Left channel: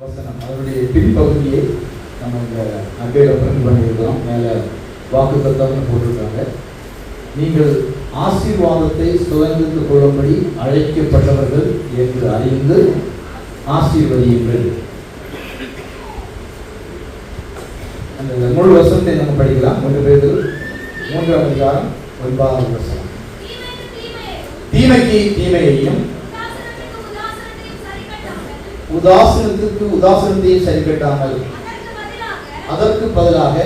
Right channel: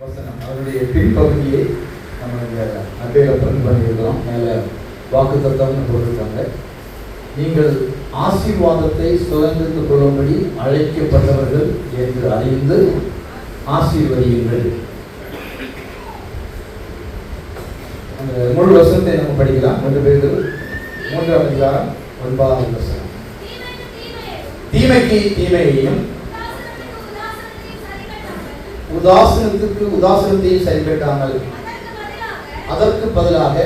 வசனம் அதனுடைய பின்பகுதியை நம்ம இந்த நகையில் பிரிண்ட் பண்ணியிருக்கோம். மேலே வாக்கு தத்தம்னு போட்டிருக்காங்க. நீங்கள் ஆசீர்வாதத்தை சுதந்திரித்துக் கொள்ளும்படி அழைக்கப்பட்டவர்கள் என்று அறிந்து ஆசீர்வதியுங்கள். அந்த முழு வசனத்தை நம்ம படிக்கலாம். 2 பேர் 3ஆம் அதிகாரம் 9ஆம் வசனம். தீமைக்கு தீமையையும் உதாசனத்துக்கு உதாசனத்தையும் சரி கட்டாமல் அதற்கு பதிலாக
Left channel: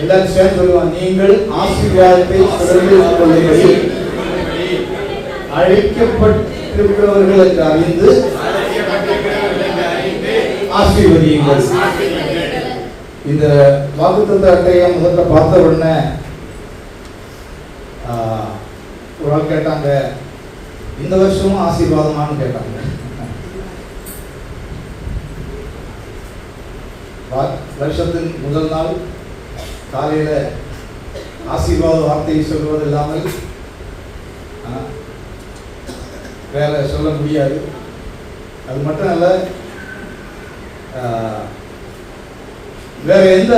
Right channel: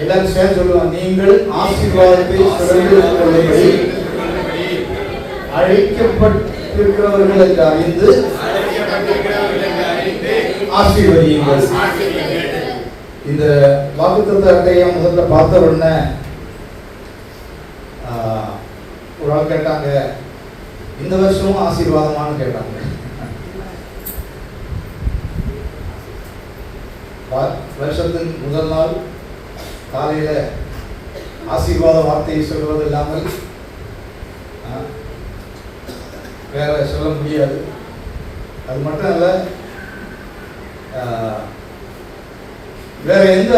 எல்லாரும் சேர்ந்து சொல்லுவாங்க, நீங்கள் ஆசீர்வாதத்தை சுதந்திரித்துக் கொள்ளும்படி அழைக்கப்பட்டிருக்கிறவர்கள் என்று அறிந்து ஆசீர்வதியுங்கள். இந்த வாக்குத்தத்த அட்டையை முதல்ல பார்த்த உடனே ஒரு ஆள் கேட்டாங்க, இந்த வருஷமும் ஆசீர்வாதமானு கேட்டாங்க. வருஷத்தின் முதல் நாள் காலையில ஆசீர்வாத வார்த்தையை சொல்வது இல்லாமல் வேற சொல்ல முடியாது. அது மட்டும் அல்ல, வேற எந்த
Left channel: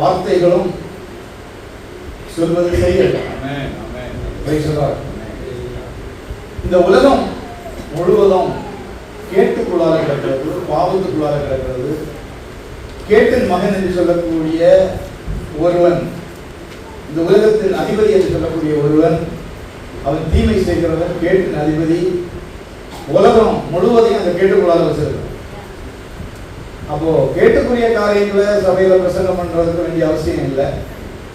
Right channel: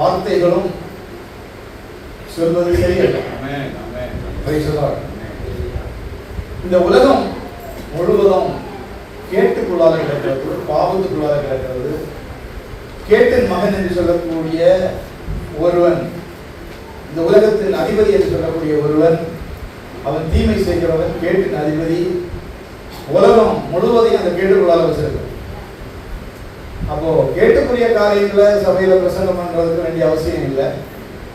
வார்த்தைகளும் சொல்வது சரியில்லை. இந்த உலகம் முழுவதும் கேட்டுக்குள்ளாக கிடக்கிறது, பாவத்துக்குள்ளாக கிடக்கிறது. கேட்டின் மகன் என்று சொல்லக்கூடிய ஒருவன், இந்த உலகத்தின் அதிபதி என்று சொல்லக்கூடிய ஒருவன், அவன் தீமை செய்கிறவன், கேட்டின் அதிபதி. உலகம் முழுவதையும் அந்த கேட்டுக்குள்ளாக வச்சிருக்கு. அப்போ கேட்டுக்குரிய காரியங்களை சபையில பிரசங்கம் பண்றதுக்கு வேண்டிய அவசியம் இல்லை.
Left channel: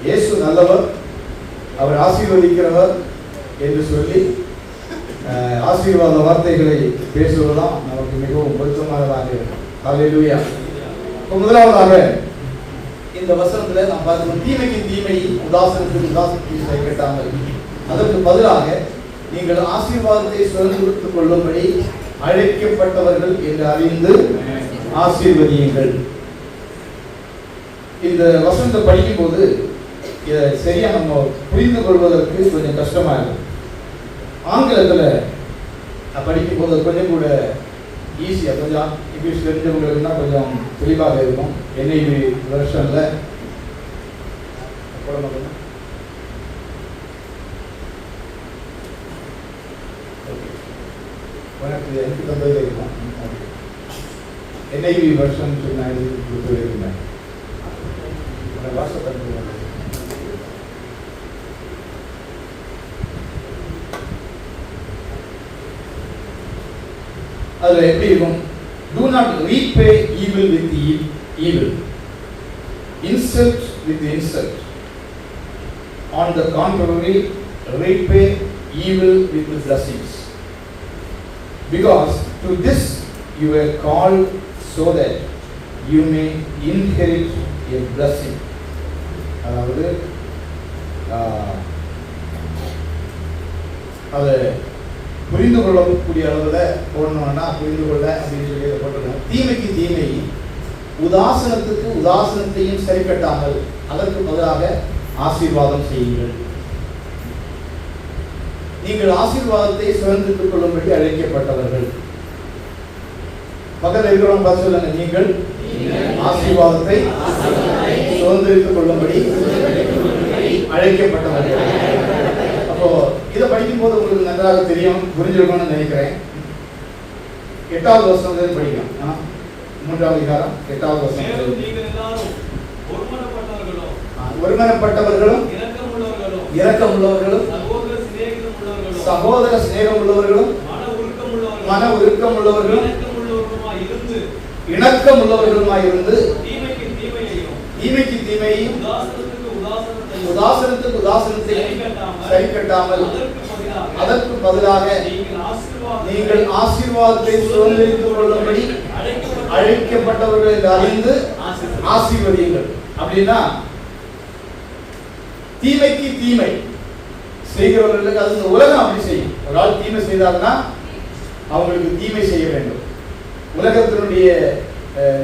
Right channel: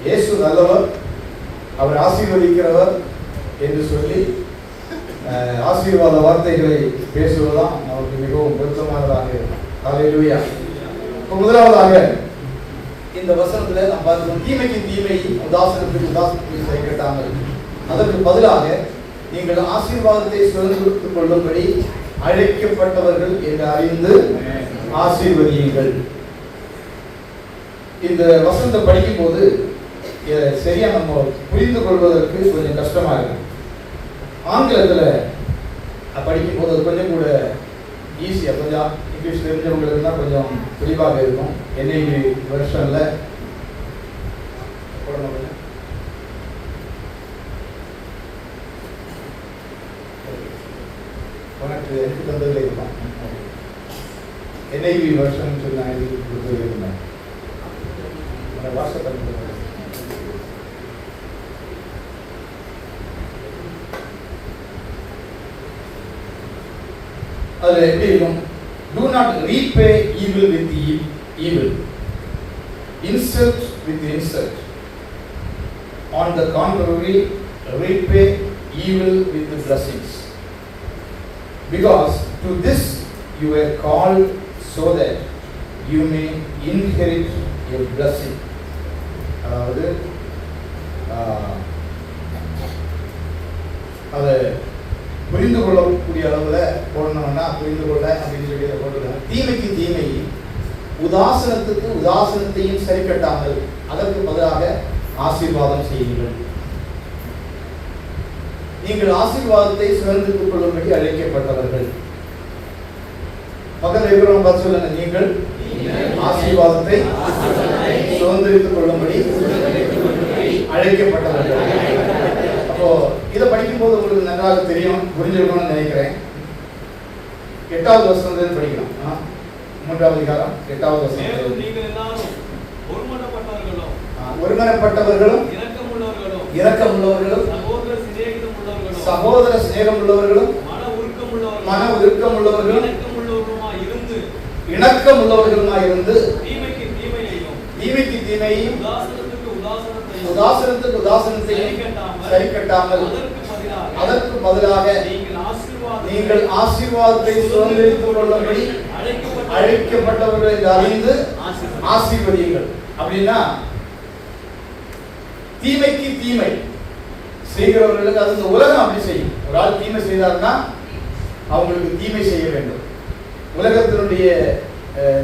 இயேசு நல்லவர், அவர் ஆசீர்வதிக்கிறவர் என்று சொல்லி ஆசீர்வாத வார்த்தைகளை பேசுவதுதான் நமக்கு மிகவும் பொருத்தமானதாக இருக்கும். ஹல்லேலூயா. முதலாவதாக இந்த வசனத்துல நாம் பார்க்கிறோம், தீமைக்கு தீமையும் உதாசனத்துக்கு உதாசனத்தையும் சரி கட்டாமல் அதற்கு பதிலாக நீங்கள் ஆசீர்வாதத்தை சுதந்திரித்துக் கொள்ளும்படி அழைக்கப்பட்டவர்கள் என்று அறிந்து ஆசீர்வதியுங்கள். இந்த வசனத்தை படிக்கும் போது சரியா நம்ம புரிந்து கொள்வதற்கு கொஞ்சம் கஷ்டமா இருக்கும். ஆங்கிலத்துல படிக்கும் போது கொஞ்சம் கூட ஈஸியா, கொஞ்சம் இங்கிலீஷ் தெரிஞ்சவங்களுக்கு கொஞ்சம் தெளிவாக இருக்கும். NIV வெர்ஷன்ல உனக்கு எனக்கு தந்ததில் இருக்கும். NIV வெர்ஷன் சொல்லி நான் கொடுத்துருக்கேன். வாட்ஸ்அப் அது எப்படி இருக்கும்? Do not repay evil with evil, insult with insult. On the contrary, repay evil with the blessings. Because to this you were called, so that you may inherit a blessing. அதாவது அதை புரிந்து கொள்ளக்கூடிய அளவில் போடணும்னா புரிந்து கொள்ள அப்படின்னு சொல்லி போட்டுருக்காங்க. தீமைக்கு தீமையும் உதாசனத்துக்கு உதாசனத்தையும் சரி கட்டாமல் அதற்கு பதிலாக ஆசீர்வாதம் செய்யுங்கள். நீங்கள் ஆசீர்வாதத்தை சுதந்திரித்துக் கொள்ளும்படி அழைக்கப்பட்டவர்கள். பக்கத்தில் இருக்கிறவங்க பார்த்து சொல்லுங்க, நீங்கள் ஆசீர்வாதத்தை சுதந்திரித்துக் கொள்ளும்படி அழைக்கப்பட்டவர்கள். அப்போ இதை படிக்கும் போது உங்களுக்கு நன்றாக தெரியும், புரிஞ்சிருக்கும்னு நினைக்கிறேன். 8வது வசனத்தை படிக்கலாம். 3ஆம் அதிகாரம் 8வது வசனம். ஒருமனப்பட்டவர்களும் இரக்கமுள்ளவர்களும் சகோதர சிநேகம் உள்ளவர்களும் மன உருக்கம் உள்ளவர்களும் இணக்கம் உள்ளவர்களுமாய் இருந்து தீமைக்கு தீமையும் உதாசனத்துக்கு உதாசனத்தையும் சரி கட்டாமல் அதற்கு பதிலாக நீங்கள் ஆசீர்வாதத்தை சுதந்திரித்துக் கொள்ளும்படி அழைக்கப்பட்டவர்கள் என்று அறிந்து ஆசீர்வதியுங்கள். அப்படின்னா தீமைக்கு தீமை செய்கிறவர்களுக்கு, அது இந்த உலகம் அப்படி செய்யும். ஒரு ஆள் தீமை செய்தார்னா அவங்களுக்கு தீமை செய்ய வேண்டும். உலகத்தினுடைய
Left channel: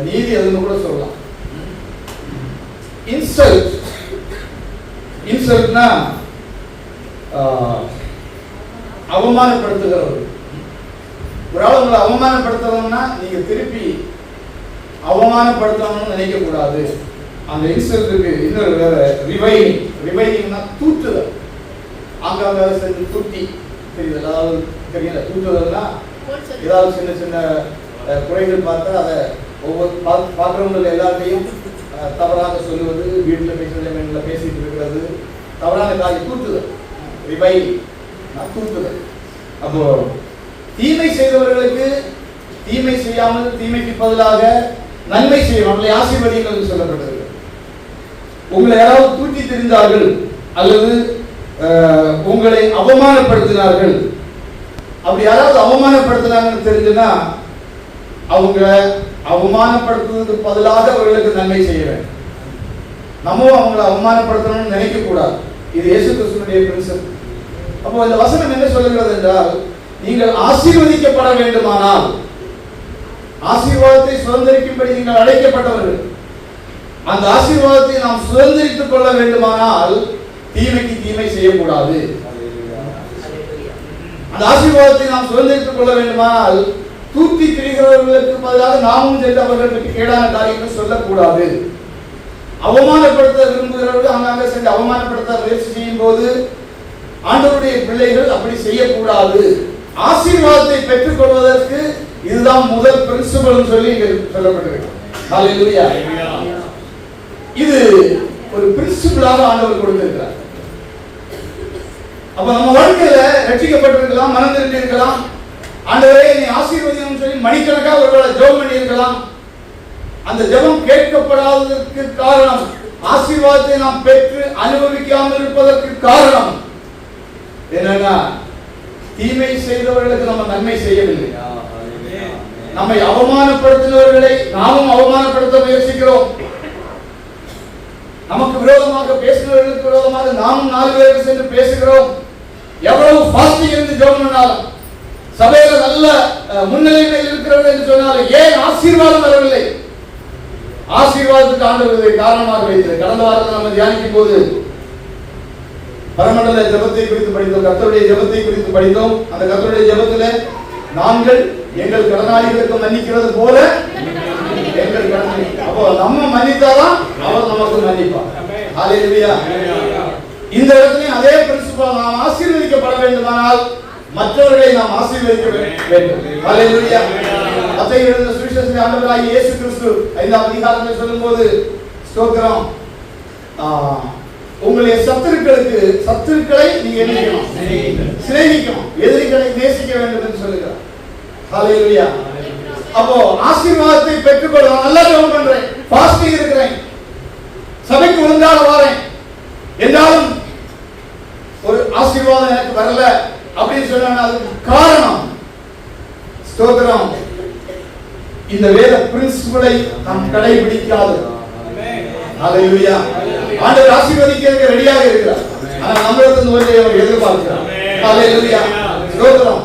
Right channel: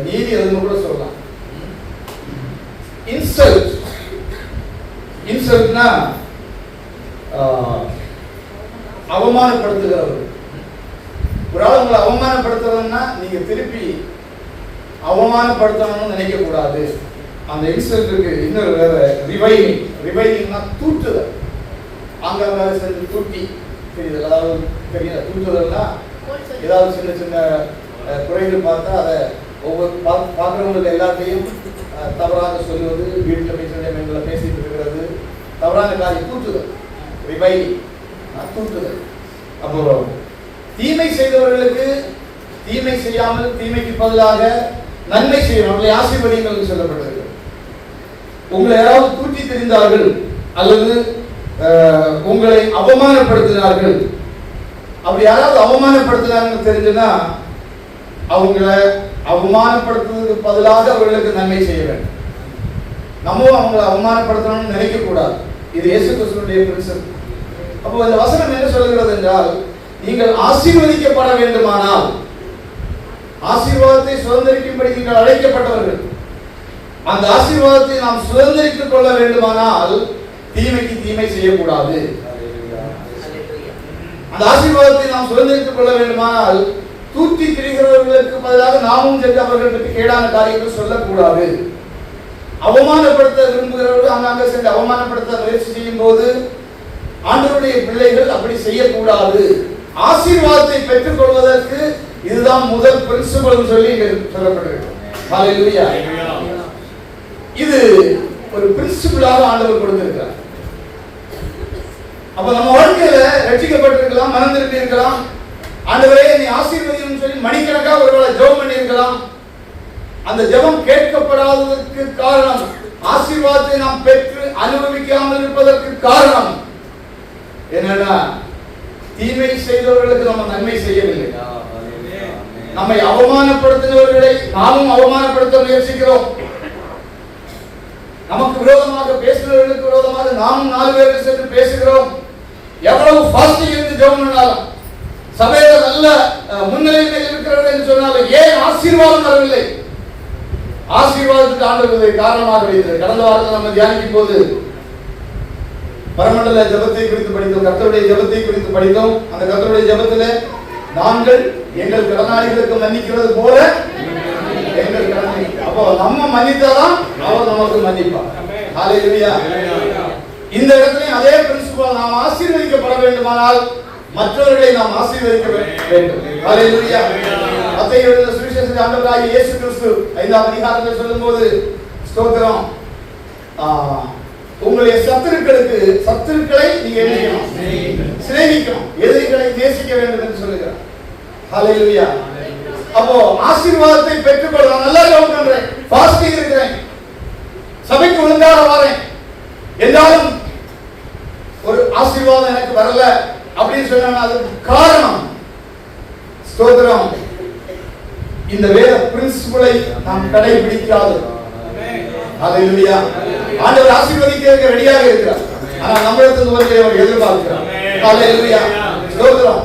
நீதி அதுன்னு கூட சொல்லலாம். இன்சல்ட்னா அவமானப்படுத்துகிறவர்கள். ஒரு ஆள் உங்களை அவமானப்படுத்தணும்னா நீங்க திருப்பி அவமானப்படுத்தணும்னு நினைக்க கூடாது. அந்த இன்சல்ட்டுக்கு இன்னொரு வேற ரிவைனிங். ரிவைனிங்னா தூற்றுதல். அங்கங்க செஞ்சு தூட்டி தெரியுது, தெரியல. தூற்றுதல்னா ஏதாவது சின்ன சின்ன குறைகள் பார்த்தா அதை ஒவ்வொரு பார்க்குறவங்களுக்கு எல்லாத்தையும் தவறாக சொல்லுவது, வீட்டில் பேசுகிற பேசிட்டு இருக்கிறது, தவறான காரியம், தூற்றுதல். ரிவைனிங் தூற்றுதல். அப்போ தீமை செய்தவர்களுக்கு தீமை செய்யாமல் தீமைக்கு பதிலாக நன்மை செய்யும், நம்மளை ஆசீர்வதிகள் சொல்லப்படுகிறது. உங்களை யாராவது தூக்கி தெரிந்தார்கள் அல்லது உங்களை அவமானப்படுத்தினார்கள், அப்படி யாராவது அவமானப்படுத்தினாங்கன்னு தெரிஞ்சுன்னா அவங்களை அவமானப்படுத்துவதற்கு பதிலாக அவர்களுக்கு நன்மை செய்ய வேண்டும். நம்ம அவங்களை அவமானப்படுத்தணும்னு நினைக்க கூடாது. இது இயேசு கிறிஸ்துவினுடைய பிரின்சிபல். அப்போ இந்த வசனம் என்ன சொல்கிறது என்றால், நீங்கள் ஆசீர்வதிக்கப்பட வேண்டுமானால், ஆசீர்வாதத்தை சுதந்திரிக்கும்படி நீங்கள் அழைக்கப்பட்டவர்கள், அந்த ஆசீர்வாதத்தை நாம் சுதந்திரித்துக் கொள்ள வேண்டுமானால் தீமைக்கு தீமை செய்யக்கூடாது. அந்த ஆசீர்வாதத்தை நாம் சுதந்திரித்துக் கொள்ள வேண்டுமானால் தூக்கி திரிகிறவர்களுக்கு பதிலாக நாமும் சென்று அவர்களுக்கு கேடான காரியங்களை சொல்லக்கூடாது. அவமானப்படுத்த விரும்புகிறவர்கள் அங்காங்க சென்று அவமானப்படுத்த முயற்சி செய்யும் போது ஆண்டவருடைய பிள்ளைகள் அப்படி செய்யக்கூடாது. ஆசீர்வாதத்தை பெற்றுக் கொள்வதற்கு இதுதான் முதல் பிரின்சிபல் சொல்லி சொல்லப்பட்டிருக்கிறது. ஹல்லேலூயா. இது ஒரு பிரின்சிபலாக ஆண்டவர் கொடுத்திருக்கிறார். அப்ப நம்ம வாழ்க்கையில ரட்சிக்கப்பட்டிருக்கலாம், மனம் திரும்பி இருக்கலாம், ஆண்டவரே நீ ஆசீர்வதின்னு சொல்லி மணிக்கணக்காக ஒருவேளை ஜெபம் பண்ணி இருக்கலாம். அந்த ஜெபம் கேட்கப்படாததற்கு காரணம், ஆசீர்வாதத்தை நாம் பெற்று அனுபவிக்காமல் இருப்பதற்கு காரணம் என்னன்னா, தீமை செய்தவர்களுக்கு நம்ம நன்மை செய்யவில்லை. நம்மை அவமானப்படுத்தினவர்களை நாமும் அவமானப்படுத்த முயற்சிக்கிறோம். நமக்கு விரோதமாக பேசினவர்களுக்கு விரோதமாக நாமும் 4 பேருக்கு சென்று பேசுகிறோம். எவ்வளவு ஃபாஸ்டிங் இருந்து ஜெபம் பண்ணாலும், சபையில நல்ல முன்னிலைமையில் இருக்கிறவர்கள் என்று சொன்னாலும் ஏன் ஆசீர்வாதம் வரவில்லை? ஆசீர்வாதத்துக்கு ஆண்டவர் காரணமாக வைத்தது. கடந்த வாரத்தில் நம்ம தியானிக்கும் போது பரமண்டல ஜெபத்தை குறித்து படித்தோம், கர்த்தருடைய ஜெபத்தை குறித்து படித்தோம். அந்த கர்த்தருடைய ஜெபத்திலே நாங்கள் எங்கள் கடனாளிகளுக்கு மன்னிக்கிறது போல எங்கள் கடனை, அப்போ நம்ம மன்னித்தாதான் அவர் நமக்கு மன்னிப்பார். ஹல்லேலூயா. இந்த இடத்துலயும் அதே பிரின்சிபல், நாம் ஆசீர்வதிக்கப்பட வேண்டுமானால் மற்றவர்களை நாம் ஆசீர்வதிக்க வேண்டும். ஹல்லேலூயா. மத்தேயு எழுதின சுவிசேஷத்தில் ஆண்டவராகிய இயேசு கிறிஸ்து 5ஆம் அதிகாரத்தில் சொல்லும்போது, ஸ்தோத்திரம், உங்களுடைய சத்துருக்களை நீங்க சிநேகிக்கணும், எதிரிகளை நேசிக்க வேண்டும் என்று சொல்லுகிறார். ஹல்லேலூயா. அப்போ ஆசீர்வாதத்தை பெற்றுக்கொள்ள நல்லா ஜெபம் பண்றேன், ஃபாஸ்டிங் இருக்கிறேன், சபைக்கு ஒழுங்காக வரேன், என்றாலும் ஒரு ஆசீர்வாதம் எனக்கு வரல அப்படின்னு சொன்னா அதுக்கு காரணம், ஸ்தோத்திரம், இந்த வேத பிரின்சிபலை நாம் கடைபிடிக்காது. ஹல்லேலூயா. ஆண்டவர் ஆசீர்வதிக்கிறதுக்கு ரெடியாக இருக்கிறார். ஆனா நம்மளிடத்திலிருந்து வருவதை அவர் எதிர்பார்க்கிறார். ஹல்லேலூயா. ஸ்தோத்திரம்.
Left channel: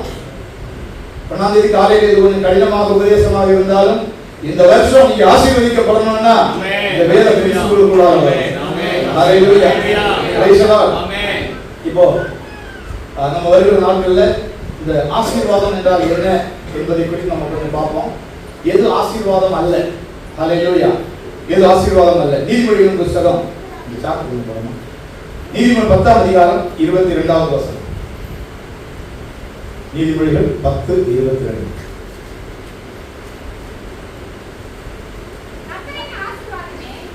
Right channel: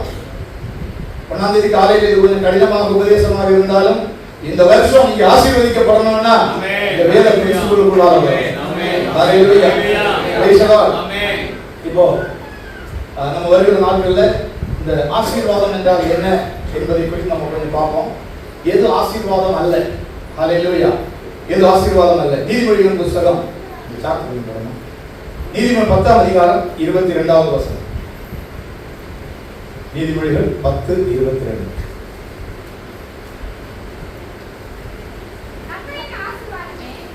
1ஆம் தேதி காலையில் இது கொஞ்சம் கடினமாக உபதேசமாக இருந்தாலும் இந்த வருஷம் நீங்க ஆசீர்வதிக்கப்படணும்னா இந்த வேத பிரின்சிபலுக்குள்ள ஹல்லேலூயா. Praise the Lord. இப்போ நம்ம வருகிற நாட்கள்ல இந்த ஆசீர்வாதம் என்றால் என்ன என்பதை குறித்து நம்ம கொஞ்சம் பார்ப்போம். எது ஆசீர்வாதம் அல்ல? ஹல்லேலூயா. எது ஆசீர்வாதம் அல்ல? நீதிமொழிகளின் புத்தகம் நீதிமொழி 10ஆம் அதிகாரம் 22வது வசனம். நீதிமொழிகள் 10:22.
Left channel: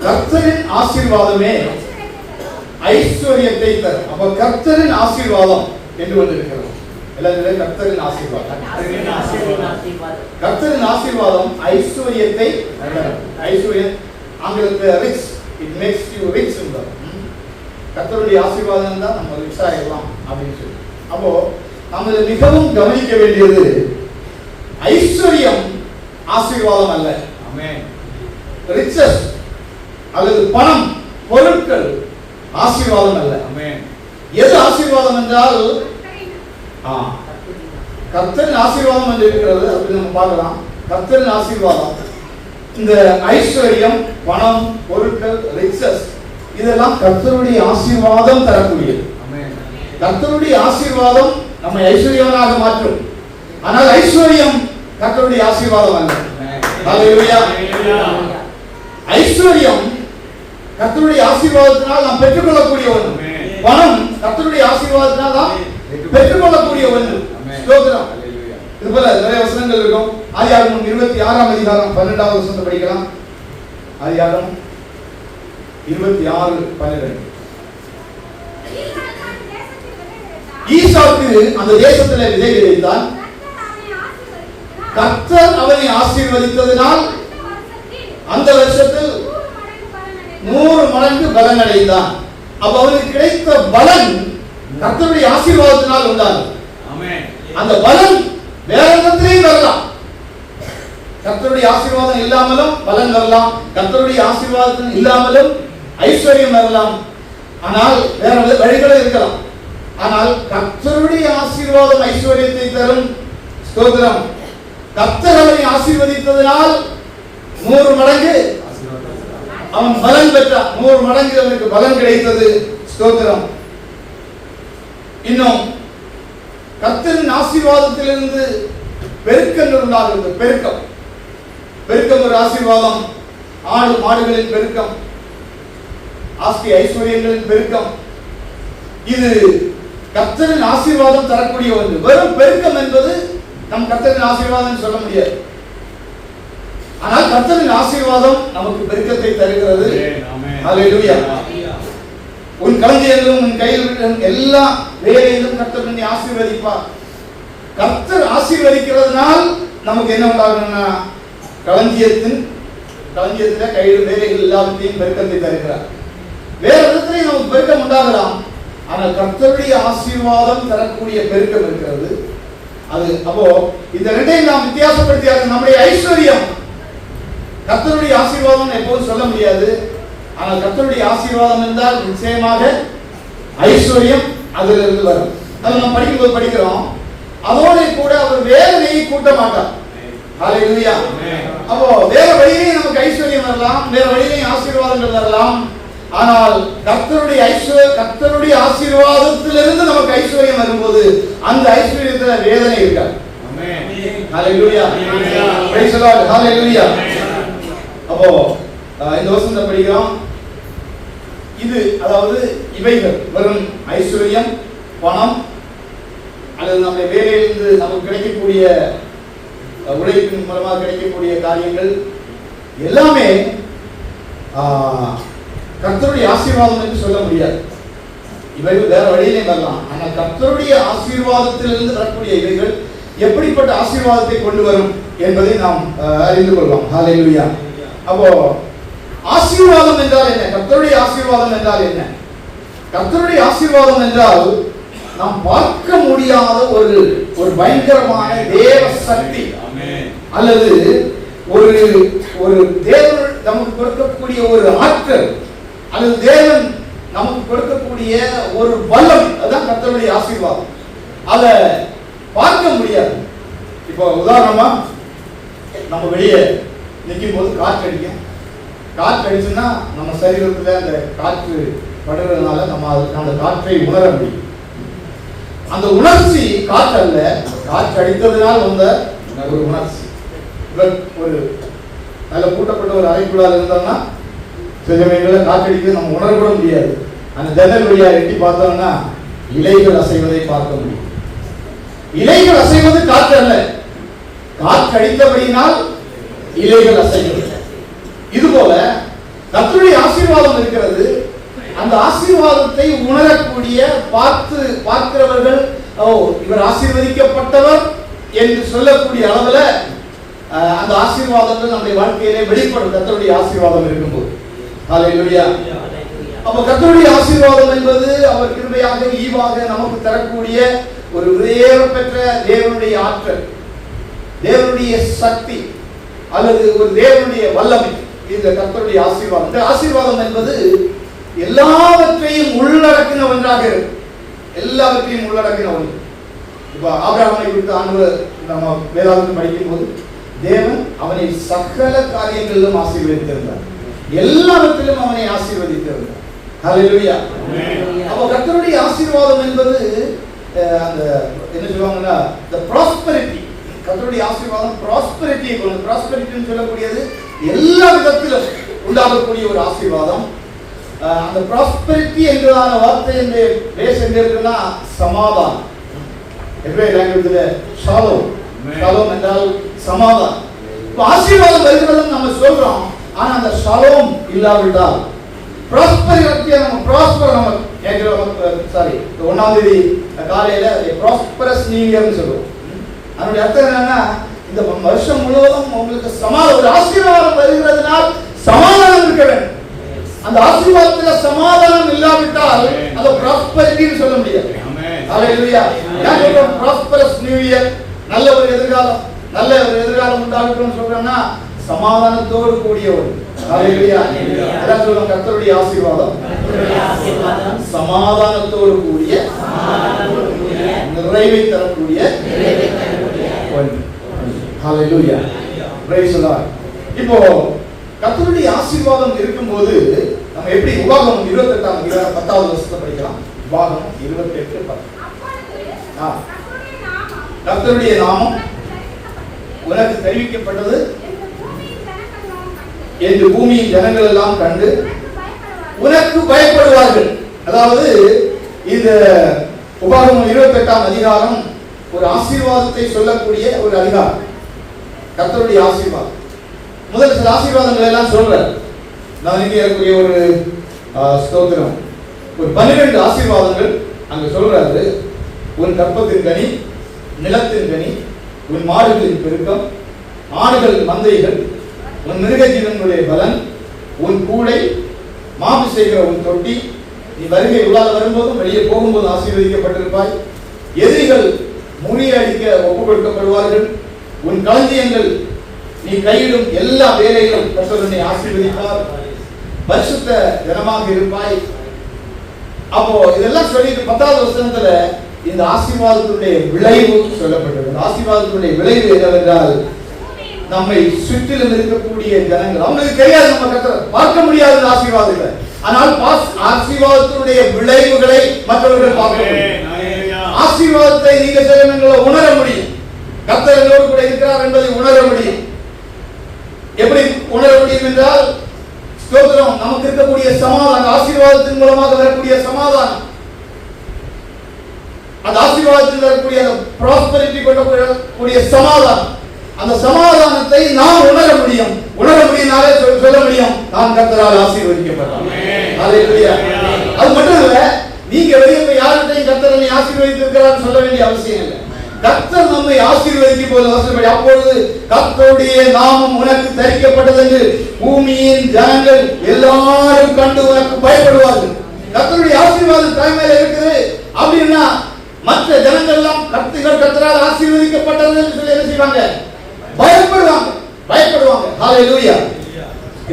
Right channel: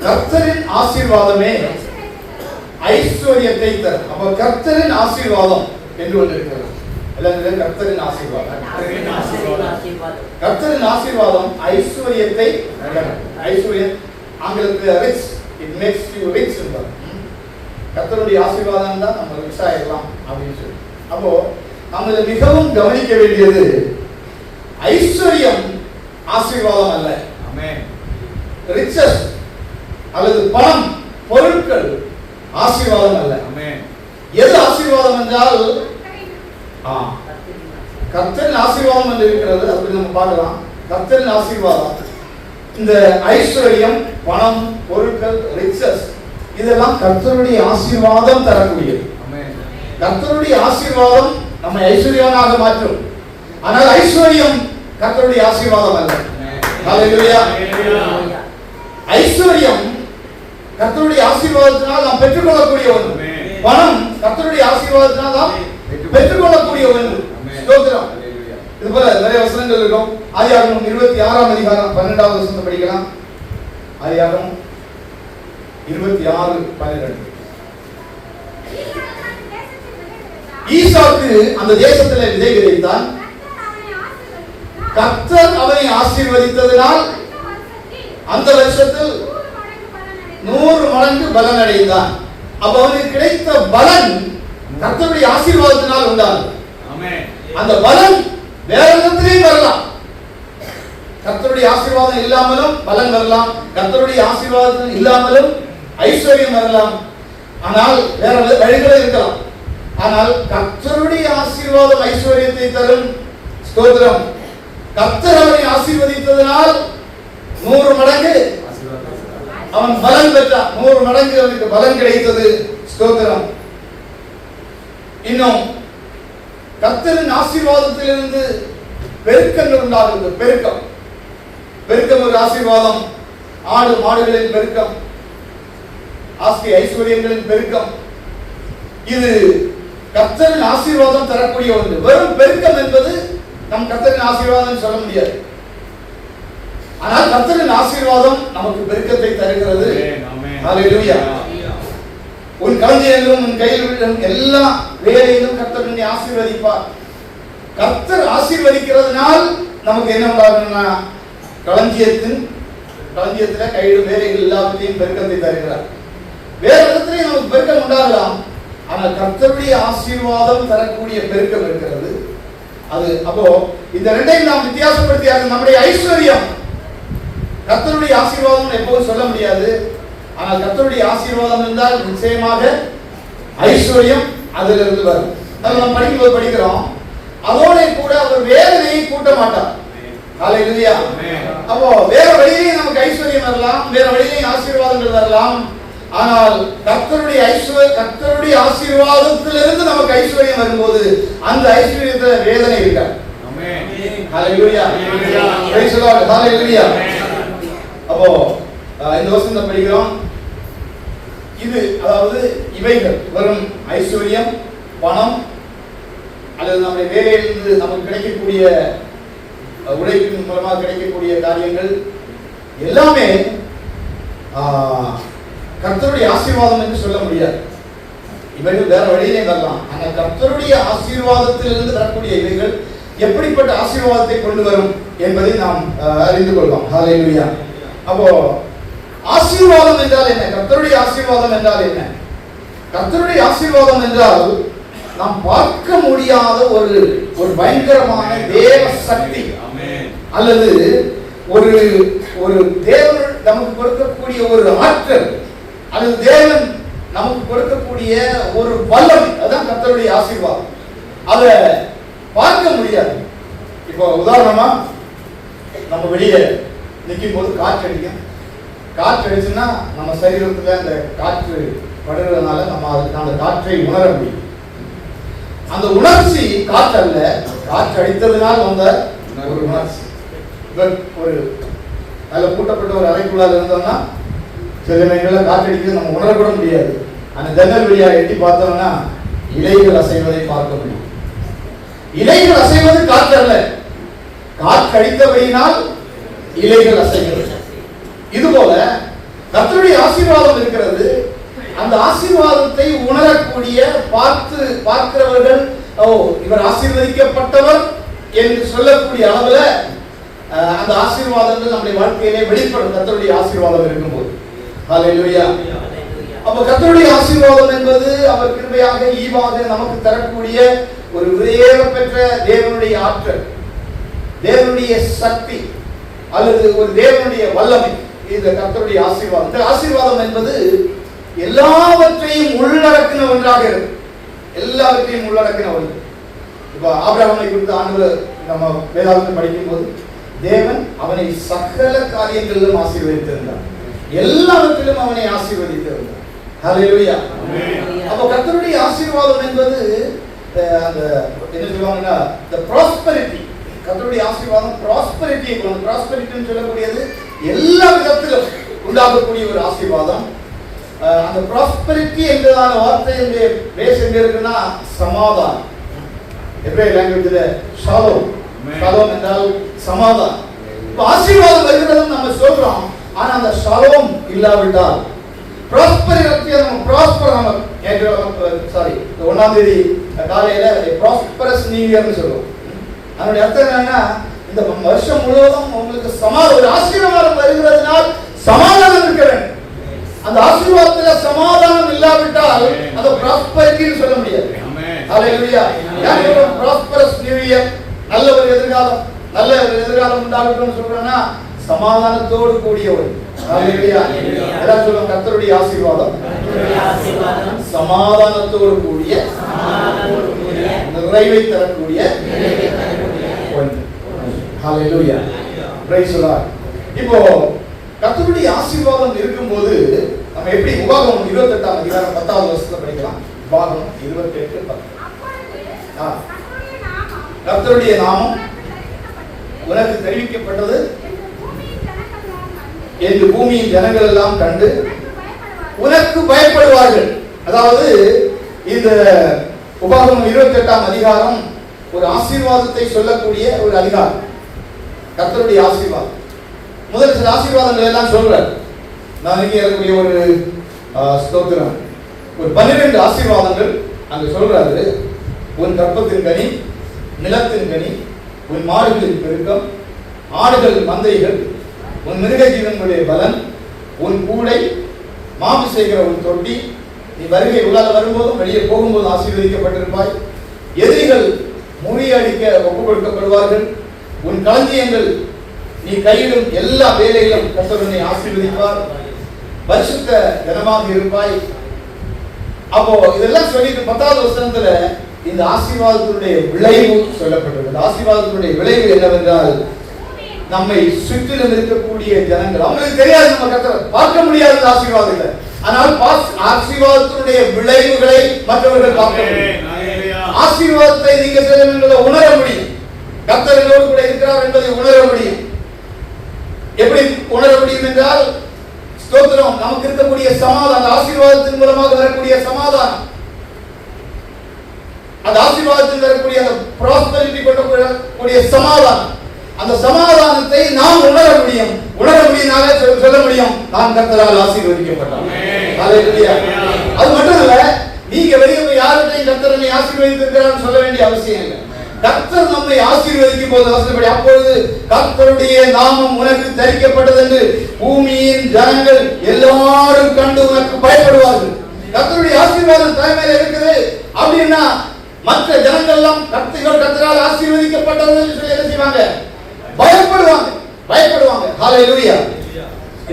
கர்த்தரின் ஆசீர்வாதமே ஐஸ்வர்யத்தை தரும். அப்ப கர்த்தரின் ஆசீர்வாதம் என்று ஒன்று இருக்கிறது. எல்லாரும் கர்த்தரின் ஆசீர்வாதம், கர்த்தரின் ஆசீர்வாதம் ஐஸ்வர்யத்தை தரும். ஐஸ்வர்யம் ஆங்கிலத்தில் rich, it makes you rich. கர்த்தருடைய ஆசீர்வாதம் தான் நம்ம ரிச் ஆயிடலாம் அப்படின்னு சொல்லி. அப்போ நம்ம மிகவும் கவனிக்க வேண்டியது, ஐஸ்வர்யம் ஆசீர்வாதம் அல்ல. ஆமென். ரிச்சஸ் அல்லது பணம், பொருட்கள் ஆசீர்வாதம் அல்ல. ஆமென். எது ஆசீர்வாதம் என்றால் கர்த்தரின் ஆசீர்வாதம் என்று இருக்கிறது. அப்படி நம்ம பார்க்கலாம். கர்த்தரின் ஆசீர்வாதம், இந்த ஐஸ்வர்யம், பணம், பொருட்கள், ரிச்சஸ், இதெல்லாம் கர்த்தருடைய ஆசீர்வாதம் தரக்கூடியது. கர்த்தருடைய ஆசீர்வாதம் நம்மை ஐஸ்வர்யவனாக மாற்றும். ஆனால் ஐஸ்வர்யம் கர்த்தருடைய ஆசீர்வாதம் அல்ல. ஹல்லேலூயா. ஐஸ்வர்யம் கர்த்தருடைய ஆசீர்வாதத்தினால் நாம் பெற்றுக்கொள்ளக்கூடிய ஒன்று. பணம் கர்த்தருடைய ஆசீர்வாதத்தினால் நாம் பெற்றுக்கொள்ளக்கூடிய ஒன்று. ஸ்தோத்திரம். இது போல நிறைய வசனங்கள் இருக்கும். ஆதியாகமம் 26ஆம் அதிகாரம் 12வது வசனத்தை படிக்கலாம். ஆதியாகமம் 26:12. ஈசாக்கு அந்த தேசத்திலே விதை விதைத்தான். கர்த்தர் அவனை ஆசீர்வதித்ததினால் அந்த வருஷத்தில் 100 மடங்கு பலன் அடைந்தான். அப்ப அவனுக்கு கிடைத்த பலன் கர்த்தருடைய ஆசீர்வாதத்தினால் உண்டானது. அந்த பலன் வேற எந்தத்திலையும் வரலாம். கர்த்தருடைய ஆசீர்வாதம் இல்லாமலும் பலன் வரலாம். கர்த்தருடைய ஆசீர்வாதம் இல்லாமலும் ஐஸ்வர்யம் வரலாம். ஆனால் வேற வழிகளும் இருக்கலாம். ஆனால் கர்த்தருடைய ஆசீர்வாதம் ஐஸ்வர்யத்தை தரும். ஸ்தோத்திரம். கர்த்தர் அவனை ஆசீர்வதித்ததனால் 100 மடங்கு அவன் பலன் பெற்றான். 100 மடங்கு அவனுக்கு பலன் கிடைத்தது. ஸ்தோத்திரம். இன்னும் கர்த்தரின் ஆசீர்வாதத்திலிருந்து பெருக்கங்கள் உண்டாகிறது. பெருக்கம் ஒரு ஆசீர்வாதம். ஆடு மாடுகளின் பெருக்கம், ஆஸ்தி ஐஸ்வர்யங்களின் பெருக்கம், இது கர்த்தரின் ஆசீர்வாதம் தரக்கூடிய ஒன்று. வெறும் பெருக்கம் என்பது நம் கர்த்தரின் ஆசீர்வாதம் சொல்ல முடியாது. ஆனால் கர்த்தரின் ஆசீர்வாதம் நமக்கு பெருக்கத்தை தருகிறது. ஹல்லேலூயா. உன் களஞ்சியங்களிலும் உன் கையில் எல்லா வேலையிலும் கர்த்தர் என்னை ஆசீர்வதிப்பார். கர்த்தர் ஆசீர்வதிக்கிறதுனால் நமக்கு என்ன உண்டாகும்னா களஞ்சியத்துல கையில் வேலைகள் எல்லாத்தையும் பெருக்கத்தை தருகிறார். வேற இடத்திலையும் நமக்கு பெருக்கம் உண்டாகலாம். ஆனால் கர்த்தருடைய ஆசீர்வாதம் தரக்கூடிய பெருக்கம் இருக்கிறது. அது அப்போ இந்த ரெண்டையும் நாம் வித்தியாசப்படுத்தியாக நம்முடைய ஐஸ்வர்யம் கர்த்தருடைய ஆசீர்வாதம் எப்போதும் சொல்ல முடியாது. ஆனால் கர்த்தருடைய ஆசீர்வாதம் என்றால் நிச்சயமாக ஐஸ்வர்யம் அதிலிருந்து வரும். நம்ம படிக்கும்போது படிக்கிறோம், அதோட கூட அவர் வேதனையை கூட்ட மாட்டார். ஹல்லேலூயா. அப்போ வேற வழியிலேயே நமக்கு ஐஸ்வர்யம் வரலாம், வேற வழியிலேயும் ஆசீர்வாதங்கள் வரலாம். ஆனால் கர்த்தருடைய ஆசீர்வாதத்திலிருந்து நமக்கு ஐஸ்வர்யம் வரும்போது அந்த ஐஸ்வர்யத்துல வேதனை இருக்காது. Hallelujah. Praise the Lord. Hallelujah. அப்போ இந்த வசனத்தை படிக்கிறோம். இது அதாவது இவைகள் வெறும் ஐஸ்வர்யம், பணம் அல்லது நம்முடைய வேலையிலிருந்து நமக்கு கிடைக்கக்கூடிய உழைப்பின் மூலமாக கிடைக்கக்கூடிய காரியங்கள் எல்லாமே கர்த்தருடைய ஆசீர்வாதம் என்று சொல்ல முடியாது. இவைகள் வேற வழியிலே வரலாம். ஆனால் கர்த்தருடைய ஆசீர்வாதத்திலிருந்து வரக்கூடிய இவைகள் எப்படிப்பட்ட ஆசீர்வாதத்தை கொண்டு வரும் என்பதை நாம் அறிந்து கொள்வோம். ஹல்லேலூயா. அப்போ ஆசீர்வாதம் என்றால் என்ன? கர்த்தருடைய ஆசீர்வாதம் என்றால் என்ன? கர்த்தருடைய ஆசீர்வாதம் என்றால் நாம் பார்க்க முடியாத ஒரு பயங்கரமான தேவ சக்தி அல்லது ஒரு தேவன் நமக்கு கொடுக்கக்கூடிய ஒரு ஆற்றல் அல்லது தேவன் நமக்கு கொடுக்கக்கூடிய ஒரு வல்லமை. அதான் கர்த்தருடைய ஆசீர்வாதம். அதை பார்க்க முடியாது. இப்போ உதாரணமா நம்ம வெளியே நிற்கும் போது காற்று அடிக்கும். காற்று அடிச்சுன்னா நம்ம சரீரத்துல அந்த காற்று படுறதுனால நம்ம அந்த காற்றை உணர முடியும். அந்த உணர்ச்சி காற்று அல்ல, காற்று அடித்ததுனால் வந்த ஒரு உணர்ச்சி. ஒரு நல்ல கூட்டப்பட்ட ஒரு அறைக்குள்ளால் இருந்தோம்னா சில நேரங்களில் காற்று அடிக்கிறது நம்ம உணரக்கூட முடியாது. அந்த ஜன்னல் வழியா எட்டி பார்த்தோம்னா இலைகள் அசைவதை பார்க்க முடியும். இலைகள் அசைவது காற்று அல்ல, காற்று அடித்தபடியினால் இலைகள் அசைகிறது. இதுபோல கர்த்தருடைய ஆசீர்வாதம் இருக்கிறது. அந்த ஆசீர்வாதத்தை உணரக்கூடிய பார்க்கிறவர்கள் இவர் ஆசீர்வதிக்கப்பட்டவர் என்று சொல்லக்கூடிய அளவுல அந்த ஆசீர்வாதங்கள் நம்முடைய வாழ்க்கையிலே வெளிப்படும். கர்த்தருடைய ஆசீர்வாதம் இருக்கும்போது ஹல்லேலூயா. அப்ப கர்த்தருடைய ஆசீர்வாதம் என்பது அவர் கிருபையாக ஈவாக நமக்கு தரக்கூடிய ஒரு விலையேற பெற்ற தேவனுடைய ஆற்றல், தேவனுடைய சக்தி அல்லது ஒரு தேவனுடைய வல்லமை. இந்த கர்த்தருடைய ஆசீர்வாதம். இந்த ஆசீர்வாதம் என்பது எல்லாவற்றையும் உள்ளடக்கின ஒன்றாக இருக்கு. எல்லாவற்றையும் உள்ளடக்கின ஒன்று. இப்ப ஆபிரகாமை குறித்த ஆண்டவர் நம்ம வேதாகமத்தில் படிக்கும் போது தேவன் அவனை சகல காரியங்களிலும் ஆசீர்வதித்திருந்தார். எல்லாவற்றிலும் அவனை ஆசீர்வதித்திருந்தார். ஹல்லேலூயா. அப்ப கர்த்தருடைய ஆசீர்வாதம் என்பது அந்த என்ன சொல்லுவாங்கன்னா the prosperity கர்த்தருடைய ஆசீர்வாதம் ப்ராஸ்பெரிட்டியை கொண்டு, ப்ராஸ்பெரிட்டின்னு சொல்லக்கூடியது எல்லா விதத்திலும் உண்டாகக்கூடிய ஒரு ஆசீர்வாதம். அந்த ப்ராஸ்பெரிட்டி என்கிறதான வார்த்தையினுடைய பேஸ் எங்க இருக்குன்னா சமாதானம். எபிரேய லாங்குவேஜ்ல ஷாலோம், ஷாலோம் என்றால் சமாதானம். ஆசீர்வாதம் வருகிறதும் நம்ம சொல்றோம், ஆனா அந்த ஷாலோம் இல்லாவிட்டால் ப்ராஸ்பெரிட்டியை நம்ம ப்ராஸ்பர் நம்ம கேட்கிறோம். சாரி, 1ஆம் தேதி காலையில ப்ராஸ்பரஸ் நியூ இயர்னு சொல்லுவோம். அதனுடைய அர்த்தம் என்னன்னா இந்த வருஷம் முழுவதும் உங்களுக்கு சமாதானம், ஒரு ஆசீர்வாதம் வருகிறதுனால் சமாதானம் இருக்க வேண்டும். அந்த ஆசீர்வாதத்துல சமாதானம் இல்லாவிட்டால் அந்த ப்ராஸ்பெரிட்டின்னு சொல்ல முடியாது. ஹல்லேலூயா. நான் சொல்றேன் ப்ராஸ்பரஸ் நியூ இயர், நல்ல ஒரு எதிர்காலம், நல்ல ஒரு எதிர்காலம் உண்டாகட்டும் சொல்றேன்னா சமாதானத்தோடு கூடிய ஒரு. ஹல்லேலூயா. எல்லாம் சொல்லுங்க, கர்த்தருடைய ஆசீர்வாதம் சமாதானத்தோடு கூடிய நிறைவை தரக்கூடிய ஒன்று. ஹல்லேலூயா. Praise the Lord. இப்போ கர்த்தருடைய ஆசீர்வாதம் இருக்கும்போது நம்ம எப்படி உபாகமம் 28ஆம் அதிகாரம் 10வது வசனத்தை படிக்கலாம். உபாகமம் 28:10. கர்த்தருடைய நாமம் உனக்கு தெரிவிக்கப்பட்டது என்று பூமியின் ஜனங்கள் எல்லாம் கண்டு உனக்கு பயப்படுவார்கள். அதாவது இந்த உபாகமம் 28ஆம் அதிகாரம் ஒரு ஆசீர்வாதத்தை சொல்லக்கூடிய ஒரு அதிகாரம். கர்த்தருடைய ஆசீர்வாதம் முதல் சில ஆசீர்வாதங்கள் எல்லாம் சொல்றார். நான் இங்கே இருக்கக்கூடிய ஒரு ஸ்தோத்திரம், ஒரு 12 ஆசீர்வாதங்கள் அங்க சொல்றாரு. உன் கற்பத்தின் கனி, நிலத்தின் கனி, உன் மாடுகளின் பெருக்கம், ஆடுகள் மந்தைகள், உன் மிருக ஜீவன்களுடைய பலன், உன் கூடை, மாவு செய்கிற உன் தொட்டி, நீ வருகை உள்ளாத வரும்போதும் வெளியே போகும்போது ஆசீர்வதிக்கப்பட்டிருப்பாய். எதிரிகள் முறியடிக்க ஒப்புக் கொடுக்கப்படுவார்கள். உன் களஞ்சியங்கள், நீ கையிடும் எல்லா வேலைகளும் கர்த்தர் உன்னை ஆசீர்வதிப்பார். பரிசுத்த ஜனமாக இருப்பாய். அப்போ இதெல்லாம் சொல்லிட்டு 10வது வசனத்துல இந்த ஆசீர்வாதத்தினுடைய விளைவு சொல்லப்பட்டிருக்கிறது. ஆசீர்வாதத்தினுடைய விளைவு என்னவென்றால் நம்மை சுற்றிலும் இருக்கக்கூடிய ஜனங்கள், அவங்களுக்கு தெரியாது, நம்ம கர்த்தரை பார்க்க முடியாத ஆசீர்வாதங்களை, ஆனால் ஆசீர்வாதத்தினுடைய விளைவுகளை மற்றவர்கள் பார்க்க முடியும். ஆசீர்வாதத்தை நீங்க சில உணர முடியும். கர்த்தர் எங்களோடு கூட இருக்கிறார் என்பதை உணர முடியும். எப்படி உணர முடியும் என்றால், ஸ்தோத்திரம், நமக்கு இருக்கக்கூடிய சமாதானம், ஆசீர்வாதத்தின் மூலமாக வரக்கூடிய சமாதானம், அந்த ஆசீர்வாதத்தில் வரக்கூடிய அந்த ப்ராஸ்பெரிட்டி கொண்டக்கூடிய சமாதானம், அந்த சமாதானத்தை நாம் உணர முடியும். உணர முடியினாலே சொல்ல முடியும், நான் கர்த்தரால் ஆசீர்வதிக்கப்பட்டேன். ஹல்லேலூயா. அது மட்டும் இல்ல, நீங்க வெளியே யார்கிட்டையும் கர்த்தரை ஆசீர்வதித்திருக்கிறான்னு சொல்ல வேண்டிய அவசியம் இல்லை. கர்த்தர் நம்மை ஆசீர்வதிக்கும் போது வசனப்படி, அப்பொழுது கர்த்தருடைய நாமம் உனக்கு தரிக்கப்பட்டது என்று பூமியின் ஜனங்கள் எல்லாரும் கண்டு உனக்கு பயப்படுவார்கள். கர்த்தருடைய ஆசீர்வாதம் தலைமையில இருக்குது அப்படின்னா மற்ற ஜனங்கள் எல்லாம் கர்த்தரால் ஆசீர்வதிக்கப்பட்டது என்று சொல்லி என்ன செய்வாங்க? பயப்படுவாங்க, பயப்படுவாங்க. ஹல்லேலூயா.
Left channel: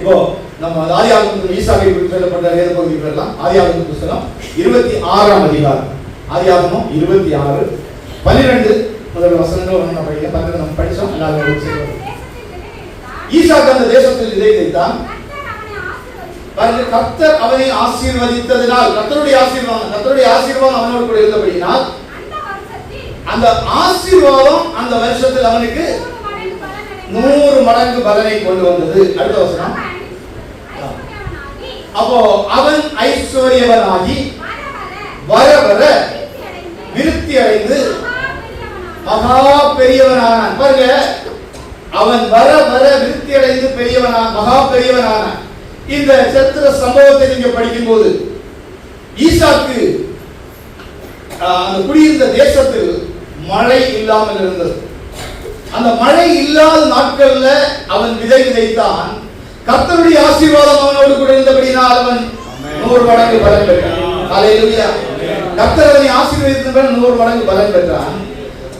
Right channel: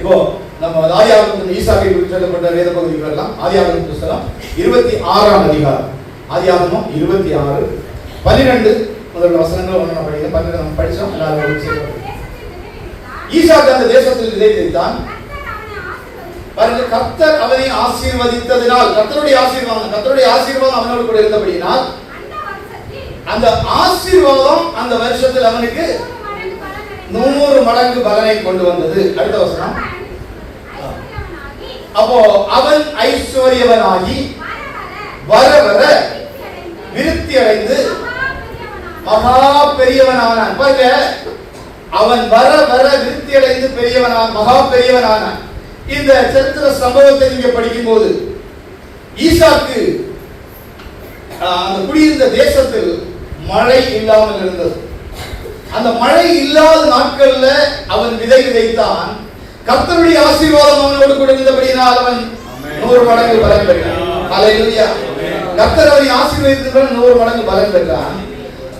இப்போ நம்ம ஆதியாகமம் ஈசாக்கை குறித்து சொல்லப்பட்ட வேத பகுதிகள் எல்லாம் ஆதியாகமம் புத்தகம் 26ஆம் அதிகாரம், ஆதியாகமம் 26 12 முதல் வசனங்கள் ஒன்று படிக்கலாம். 12 நம்ம படிச்சோம். ஈசாக்கு அந்த தேசத்தில் இதை வைத்தான். பாருங்க, கர்த்தர் அவனை ஆசீர்வதித்ததினால், கர்த்தருடைய ஆசீர்வாதம், கர்த்தருடைய ஆசீர்வாதம் அவனோடு கூட இருந்தபடினால் அந்த ஆசீர்வாதம் அந்த வருஷத்தில் அவனுக்கு 100 மடங்கு பலனை கொண்டு வந்தது. அடுத்த வசனம், அப்போ அவன் ஐஸ்வர்யவனாகி வர வர விருத்தி அடைந்து மகா பெரியவனானான். பாருங்க, அவன் வர வர விருத்தி அடைந்து பெரியவனான், மகா பெரியவனானான். இந்த சரித்திர சம்பவத்தை நீங்க படிக்கும் போது ஈசாக்கு அந்த குடியிருந்த தேசத்தில் மழை இல்லாமல் இருந்தது. அந்த மழை இல்லாத நாட்கள்ல அவன் விதை விதைத்தான். கர்த்தருடைய ஆசீர்வாதம் அவனோடு கூட இருந்தபடினால் அவன் 100 மடங்கு பலன் பெற்றான். ஹல்லேலூயா. கர்த்தர் அவனை ஆசீர்வதித்தவன் 100 மடங்கு பலன் பெற்றான்.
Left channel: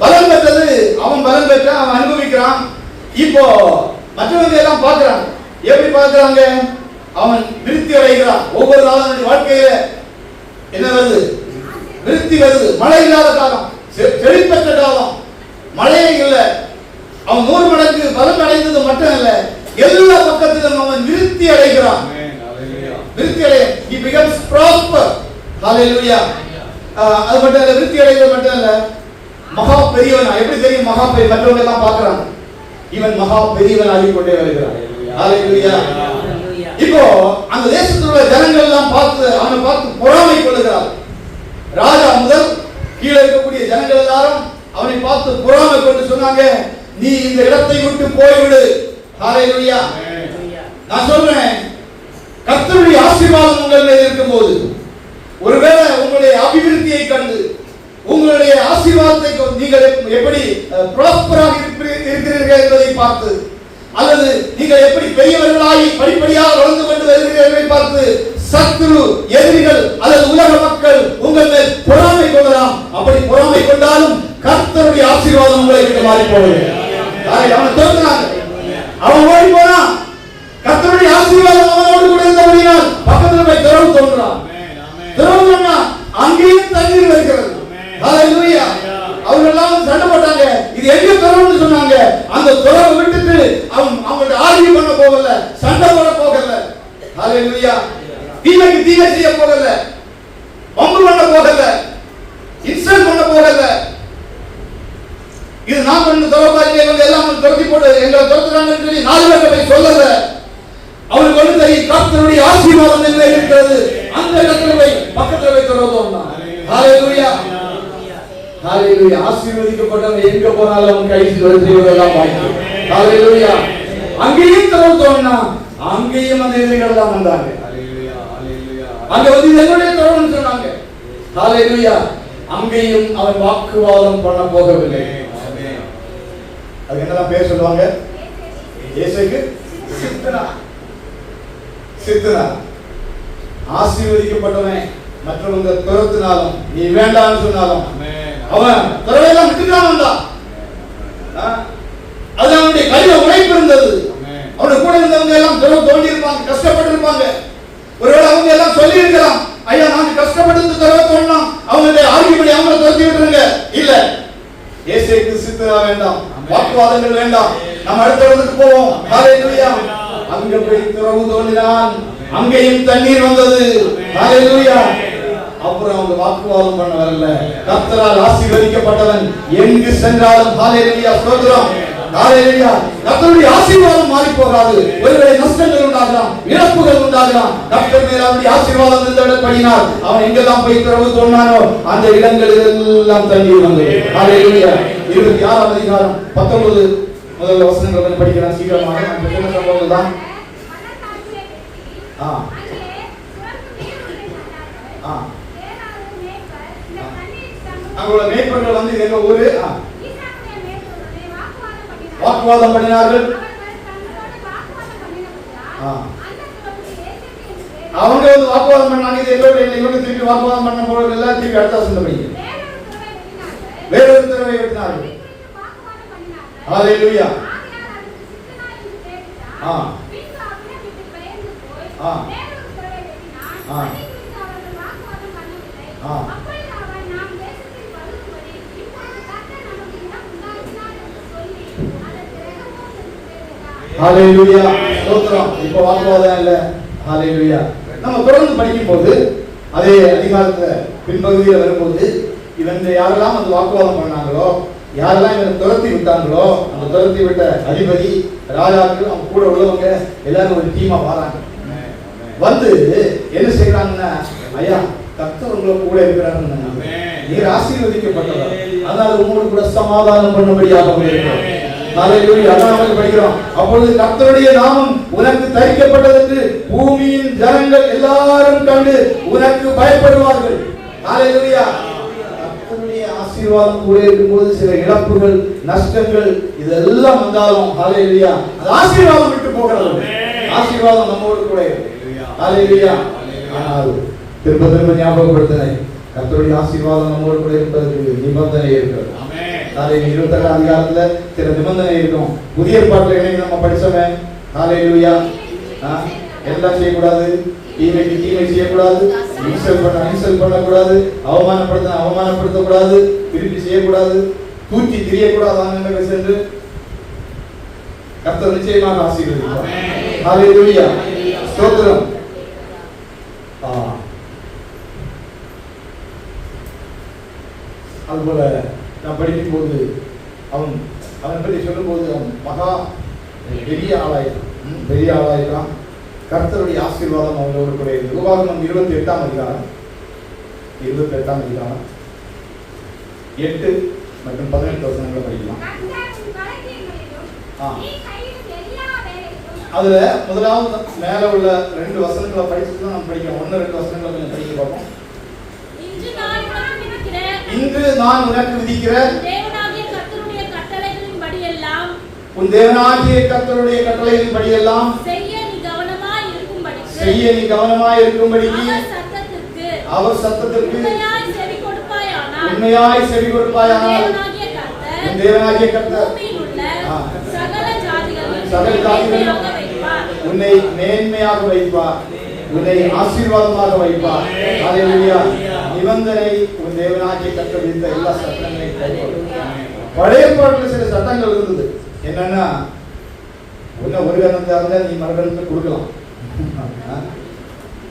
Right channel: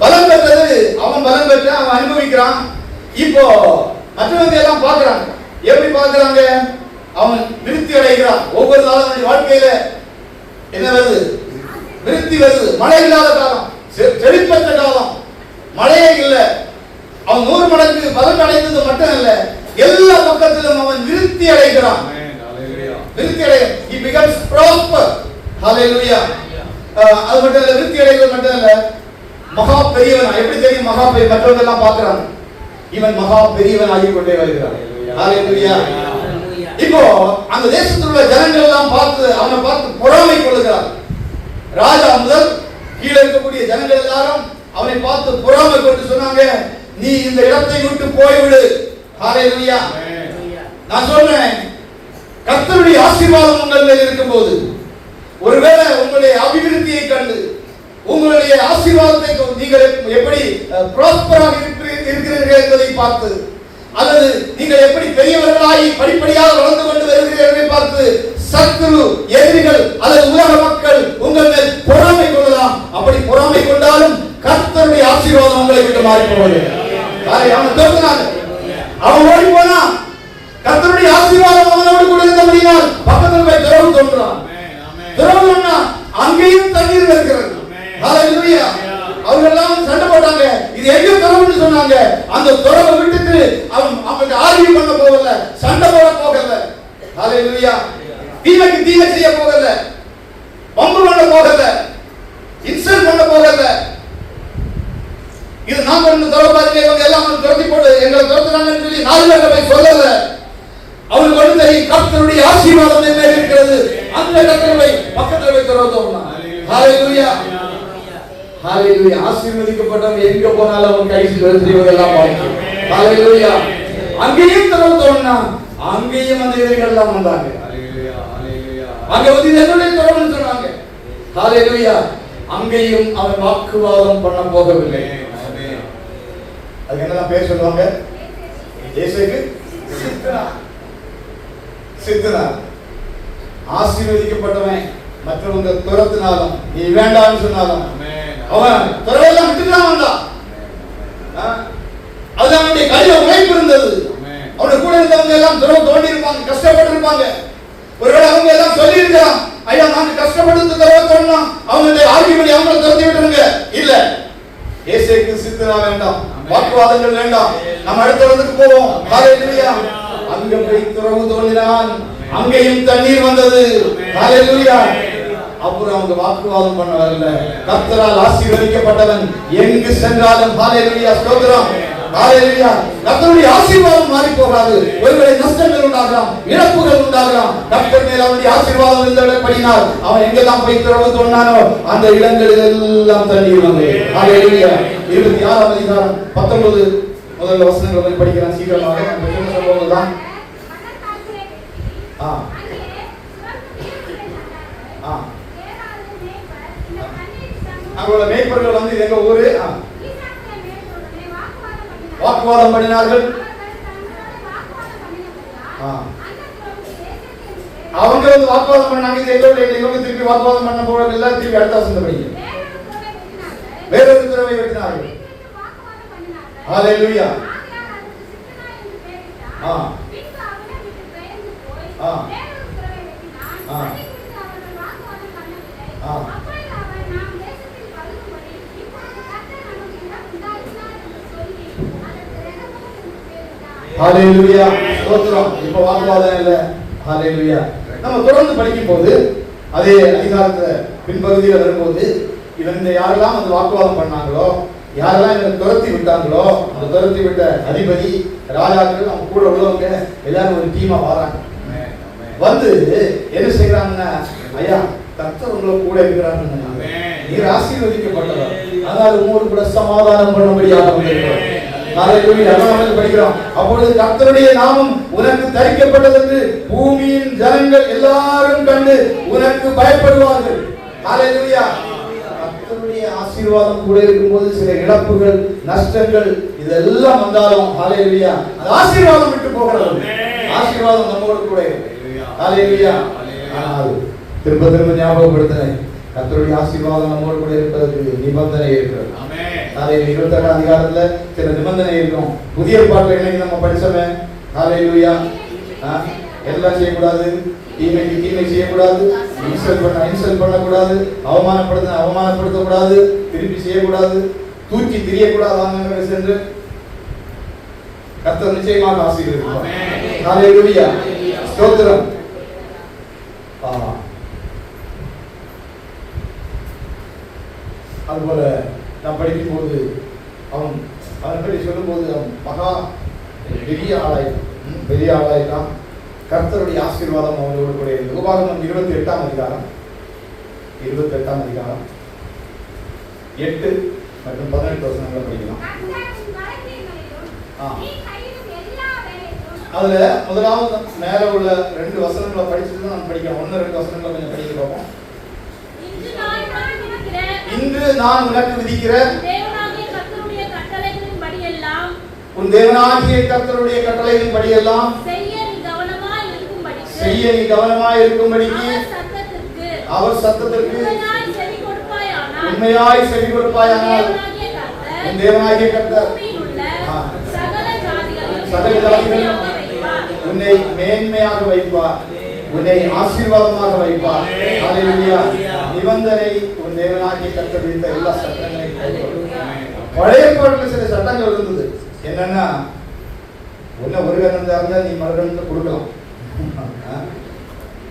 பலன் பெற்றது, அவன் பலன் பெற்றான், அவன் அனுபவிக்கிறான். இப்போ மற்றவங்க எல்லாம் பார்க்கிறாங்க. எப்படி பார்க்கிறாங்க? அவன் விருத்தி அடைகிறான். ஒவ்வொரு நாளும் வாழ்க்கையில என்ன வருது? விருத்தி வருது. மழை இல்லாத காலம், செழிப்பற்ற காலம், மழையே இல்லை. அவன் 100 மடங்கு பலன் அடைந்தது மட்டும் இல்ல, எல்லா பக்கத்திலும் அவன் விருத்தி அடைகிறான். விருத்தி அடைய, he becomes prosper. Hallelujah. அது மட்டும் இல்ல, விருத்தி அடைவது மட்டும் இல்ல, மகா பெரியவன். எப்படி தெரியும் மகா பெரிய? மற்றவங்க எல்லாம் பார்க்கறாங்க, இவன் மகா பெரியவன் ஆகிக்கொண்டே வருகிறான். ஹalleluya. இப்போ அந்த தேசத்தில் உள்ள ஜனங்கள் எல்லாம் பார்த்து அவனை பார்த்து பொறாமை கொள்ளுகிறார். ராஜா முதல் கீழே இருக்கக்கூடிய ஜனங்கள் எல்லாரும் அவனை பார்த்து பொறாமை கொண்டு சொன்னாங்க, நீ இந்த இடத்தை விட்டு போய்விடு. ஹalleluya. நான் சொன்னேன், கர்த்தருடைய ஆசீர்வாதம் உங்கள் மேல் இருக்கும்போது, ஒருவேளை உங்களுடைய அபிவிருத்தியை கண்டு உங்களுடைய ஆசீர்வாதத்தை நீங்கள் எப்படி ப்ராஸ்பராக இருக்கிறீர்கள் என்பதை பார்த்து, அல்லது நீங்கள் எப்படி பெரியவர்களாகி படிப்படியாக வளர்ந்து கொண்டு வருகிறீர்கள் பார்த்து சத்துரு, எதிரிகள் அல்லது உலக மக்கள் உங்கள் மேல் பொறாமை கொள்ளலாம். அப்படி பொறாமை கொண்டாலும் கர்த்தருடைய ஆசீர்வாதம் உங்களை விட்டு மாறி போகுது. அவன் தோற்றான், அவன் ஓடி போனா கர்த்தருடைய ஆசீர்வாதம் அவனோடு கூட இருந்தபடியால் பக்கத்தில் போய் திறவு தோன்றான். திறவு அங்கேயும் தண்ணீர் வருகிறது. ஹalleluya. அவங்க எல்லாம் சண்டை போட்டாங்க, இது எங்க திறவுன்னு சொன்னாங்க. அந்த திறவை விட்டுட்டு அவன் ஆர்கியூ பண்ண போகல, சண்டை போட போகல. ஹalleluya. தீமைக்கு தீமை செய்ய போகல, பம்பு பண்ண போகல, இன்சல்ட் பண்ண போகல. இது நான் பண்ண தரவாரிங்க, இவங்க எல்லாம் துரத்தி போட்டு எங்களை துரத்துறாங்கன்னு சொல்லி நாலு பேர்ட்ட போய் சொல்லல. அவனுக்கு வந்து தெரியும் கர்த்தருடைய ஆசீர்வாதம் என்ன இருக்கிறது. அந்த இடத்துல போய் பக்கத்துல போய் திறந்தோம்னா ஹalleluya. ஹalleluya. ஆசீர்வதிக்கப்பட்டவன் எங்க போனாலும் அவன் கை செய்வதெல்லாம் பார்க்கும். ஹalleluya. அங்கேயும் திறந்தோம்னா அங்கேயும் அந்த எதிரிகள் எல்லாம் வந்தாங்க. ஹalleluya. ஹalleluya. அங்க வந்து எங்களுடைய திறவுன்னு சொன்னாங்க. ஹalleluya. அங்கேயும் அவன் வாக்குவாதம் பண்ண போகவில்லை. அது என்னதான் பேர் சொல்லுவாங்க? இயேசுவுக்கு சித்தனா. சித்தனா. ஆசீர்வதிக்கப்பட்டவன் மற்றவங்க துரத்தினாலும் நீ வேண்டாம்னு சொன்னாலும் அவன் துறவையெல்லாம் விட்டுதான் வந்தான். அது அவனுடைய கையில உழைப்பு இருந்தது. அவனுடைய கூட இருந்தவங்க எல்லாம் துறவு தோண்டி இருப்பாங்க, கஷ்டப்பட்டு இருப்பாங்க. ஒருவேளை அவங்க எல்லாம் சொல்லி இருக்கலாம், ஐயா நாங்க கஷ்டப்பட்டு துறவை தோண்டணும், அவங்க ஆர்கியூபடி அவங்களை துரத்தி விட்டுருங்க. இல்ல, இயேசுவுக்கு சித்தனா வேண்டாம், வாக்குவாதங்கள் வேண்டாம், நம்ம அடுத்த இடத்துக்கு போவோம். ஹalleluya. அங்க போய் துறவு தோண்டினான், அங்கேயும் தண்ணீர் வந்தது. ஹalleluya. அப்புறம் அவங்க வாக்குவாதம் பண்ண வரல. கர்த்தரால் ஆசீர்வதிக்கப்பட்டவன் எங்கு சென்றாலும் ஹalleluya ஸ்தோத்திரம். ஹalleluya. கர்த்தருடைய ஆசீர்வாதம் மாறி போகாது. ஒருவேளை நஷ்டங்கள் உண்டாகலாம், இழப்புகள் உண்டாகலாம், கர்த்தர் மேல் அவருடைய ஆசீர்வாதம் இருந்தபடியினால் அவன் எங்கெல்லாம் போய் திறவு தோண்டானோ அந்த இடங்களில் எல்லாம் தண்ணீர் வந்தது. ஹalleluya. 26ஆம் அதிகாரம் 19 முதல் வசனங்களை படிக்கலாம் சீக்கிரமாக. அந்த சம்பவம்தான் அவங்களோட மேய்ப்பர்கள் வந்து எங்க ஊரு வாக்குவாதம் பண்ணினார்கள். அவங்க வந்து வாக்குவாதம் பண்ணாங்க, இது எங்களோட திருப்பி வாக்குவாதம் பண்ண போறது எல்லாம் திருப்பி அடுத்த வருஷம் படிங்க வேறொரு திறமை எடுத்தார்கள். ஹalleluya. ஹalleluya ஸ்தோத்திரம். இப்ப வாக்குவாதம் இல்ல. ஹalleluya. நம்ம தொடர்ந்து படிக்கும் போது அதே அதிகாரத்துல பின்பகுதியில வரும்போது இவங்க யாரெல்லாம் அந்த வாக்குவாதம் பண்ணாங்களோ, யாரெல்லாம் இவங்க துரத்தி விட்டாங்களோ, அந்த துரத்தி விட்ட அதிபதி, ராஜாக்கள், அவங்க கூட உள்ளவங்க எல்லாரும் ஒரு டீமா வராங்க. வந்து என்ன செய்யறாங்கன்னா, ஐயா கர்த்தர் உங்களை கூட இருக்கிறாங்க, நீர் ஆசீர்வதிக்கப்பட்டவர், அதனால உங்களோடு கூட சமாதானம் பண்ணும்படியாக படிக்கிறோம். அப்பொழுது கர்த்தருடைய நாமம் உனக்கு தரிக்கப்பட்டது என்று பூமியின் ஜனங்கள் எல்லாரும் கண்டு உனக்கு பயப்படுவார்கள். ஹalleluya. கர்த்தருடைய ஆசீர்வாதம் கூட இருக்கும்போது சில இழப்புகள், நஷ்டங்கள் இதெல்லாம் வந்தாலும் ஹalleluya அந்த ஆசீர்வாதம் விட்டு போகிறது. ஆசீர்வாதம் நம்மோடு கூட ஹalleluya. ஆனால் திரும்ப திரும்ப ஞாபகப்படுத்துறேன், கர்த்தருடைய ஆசீர்வாதம் நம்மோடு கூட இருப்பதற்கு நிபந்தனை இருக்கிறது. 27ஆம் அதிகாரத்துல சில நிபந்தனை இருக்கும். புதிய ஏற்பாட்டுல இன்னைக்கு நம்ம படிச்சோமே ஹalleluya. எல்லாம் செய்யக்கூடாது, தீமைக்கு தீமை செய்யக்கூடாது, இன்சல்ட் பண்ணக்கூடாது, அவமானப்படுத்தக்கூடாது, திருப்பி செய்யக்கூடாது, தூக்கி திரியக்கூடாது சென்று கர்த்தர் நிச்சயமாக ஆசீர்வதிப்பார். ஹalleluya ஸ்தோத்திரம். அதுபோல நான் படிக்கும்போது அவன் பற்றி சொல்லும்போது அவன் மகா பெரிய ஆளாயிட்டான். கர்த்தருடைய ஆசீர்வாதம் அவங்களோடு கூட இருந்தது. உபாகமம் 28ஆம் அதிகாரம் 8 மற்றும் 18 வசனங்களை படிக்கலாம். அதுல முதலாவது மேல உள்ள 2 வசனங்களை படிச்சுட்டு நம்ம படிக்கலாம். 1-2 வசனங்களை கொஞ்சம் படிக்க பார்ப்போம். இன்று நான் உனக்கு விதிக்கிற உன் தேவனாகிய கர்த்தருடைய கட்டளைகளின் படியெல்லாம் செய்ய நீ கவனமாய் இருக்கும்படிக்கு அவர் சத்தத்திற்கு உண்மையாய் செவி கொடுப்பாயானால் உன் தேவனாகிய கர்த்தர் சகல ஜாதிகளிலும் உன்னை மேன்மையாக வைப்பார், உன்னை ஆசீர்வாதமாக வைப்பார். ஹல்லேலூயா. நிபந்தனை உன் தேவனாகிய கர்த்தர் விதித்த எல்லா சட்டங்களையும் கைக்கொள். பழைய ஏற்பாட்டில் சில சட்டங்கள் இருந்தது. என்னன்னா, உன்னை ஒரு கரணத்தை இருந்தா நீ மறுகரணத்தை கொடுக்கலாம்.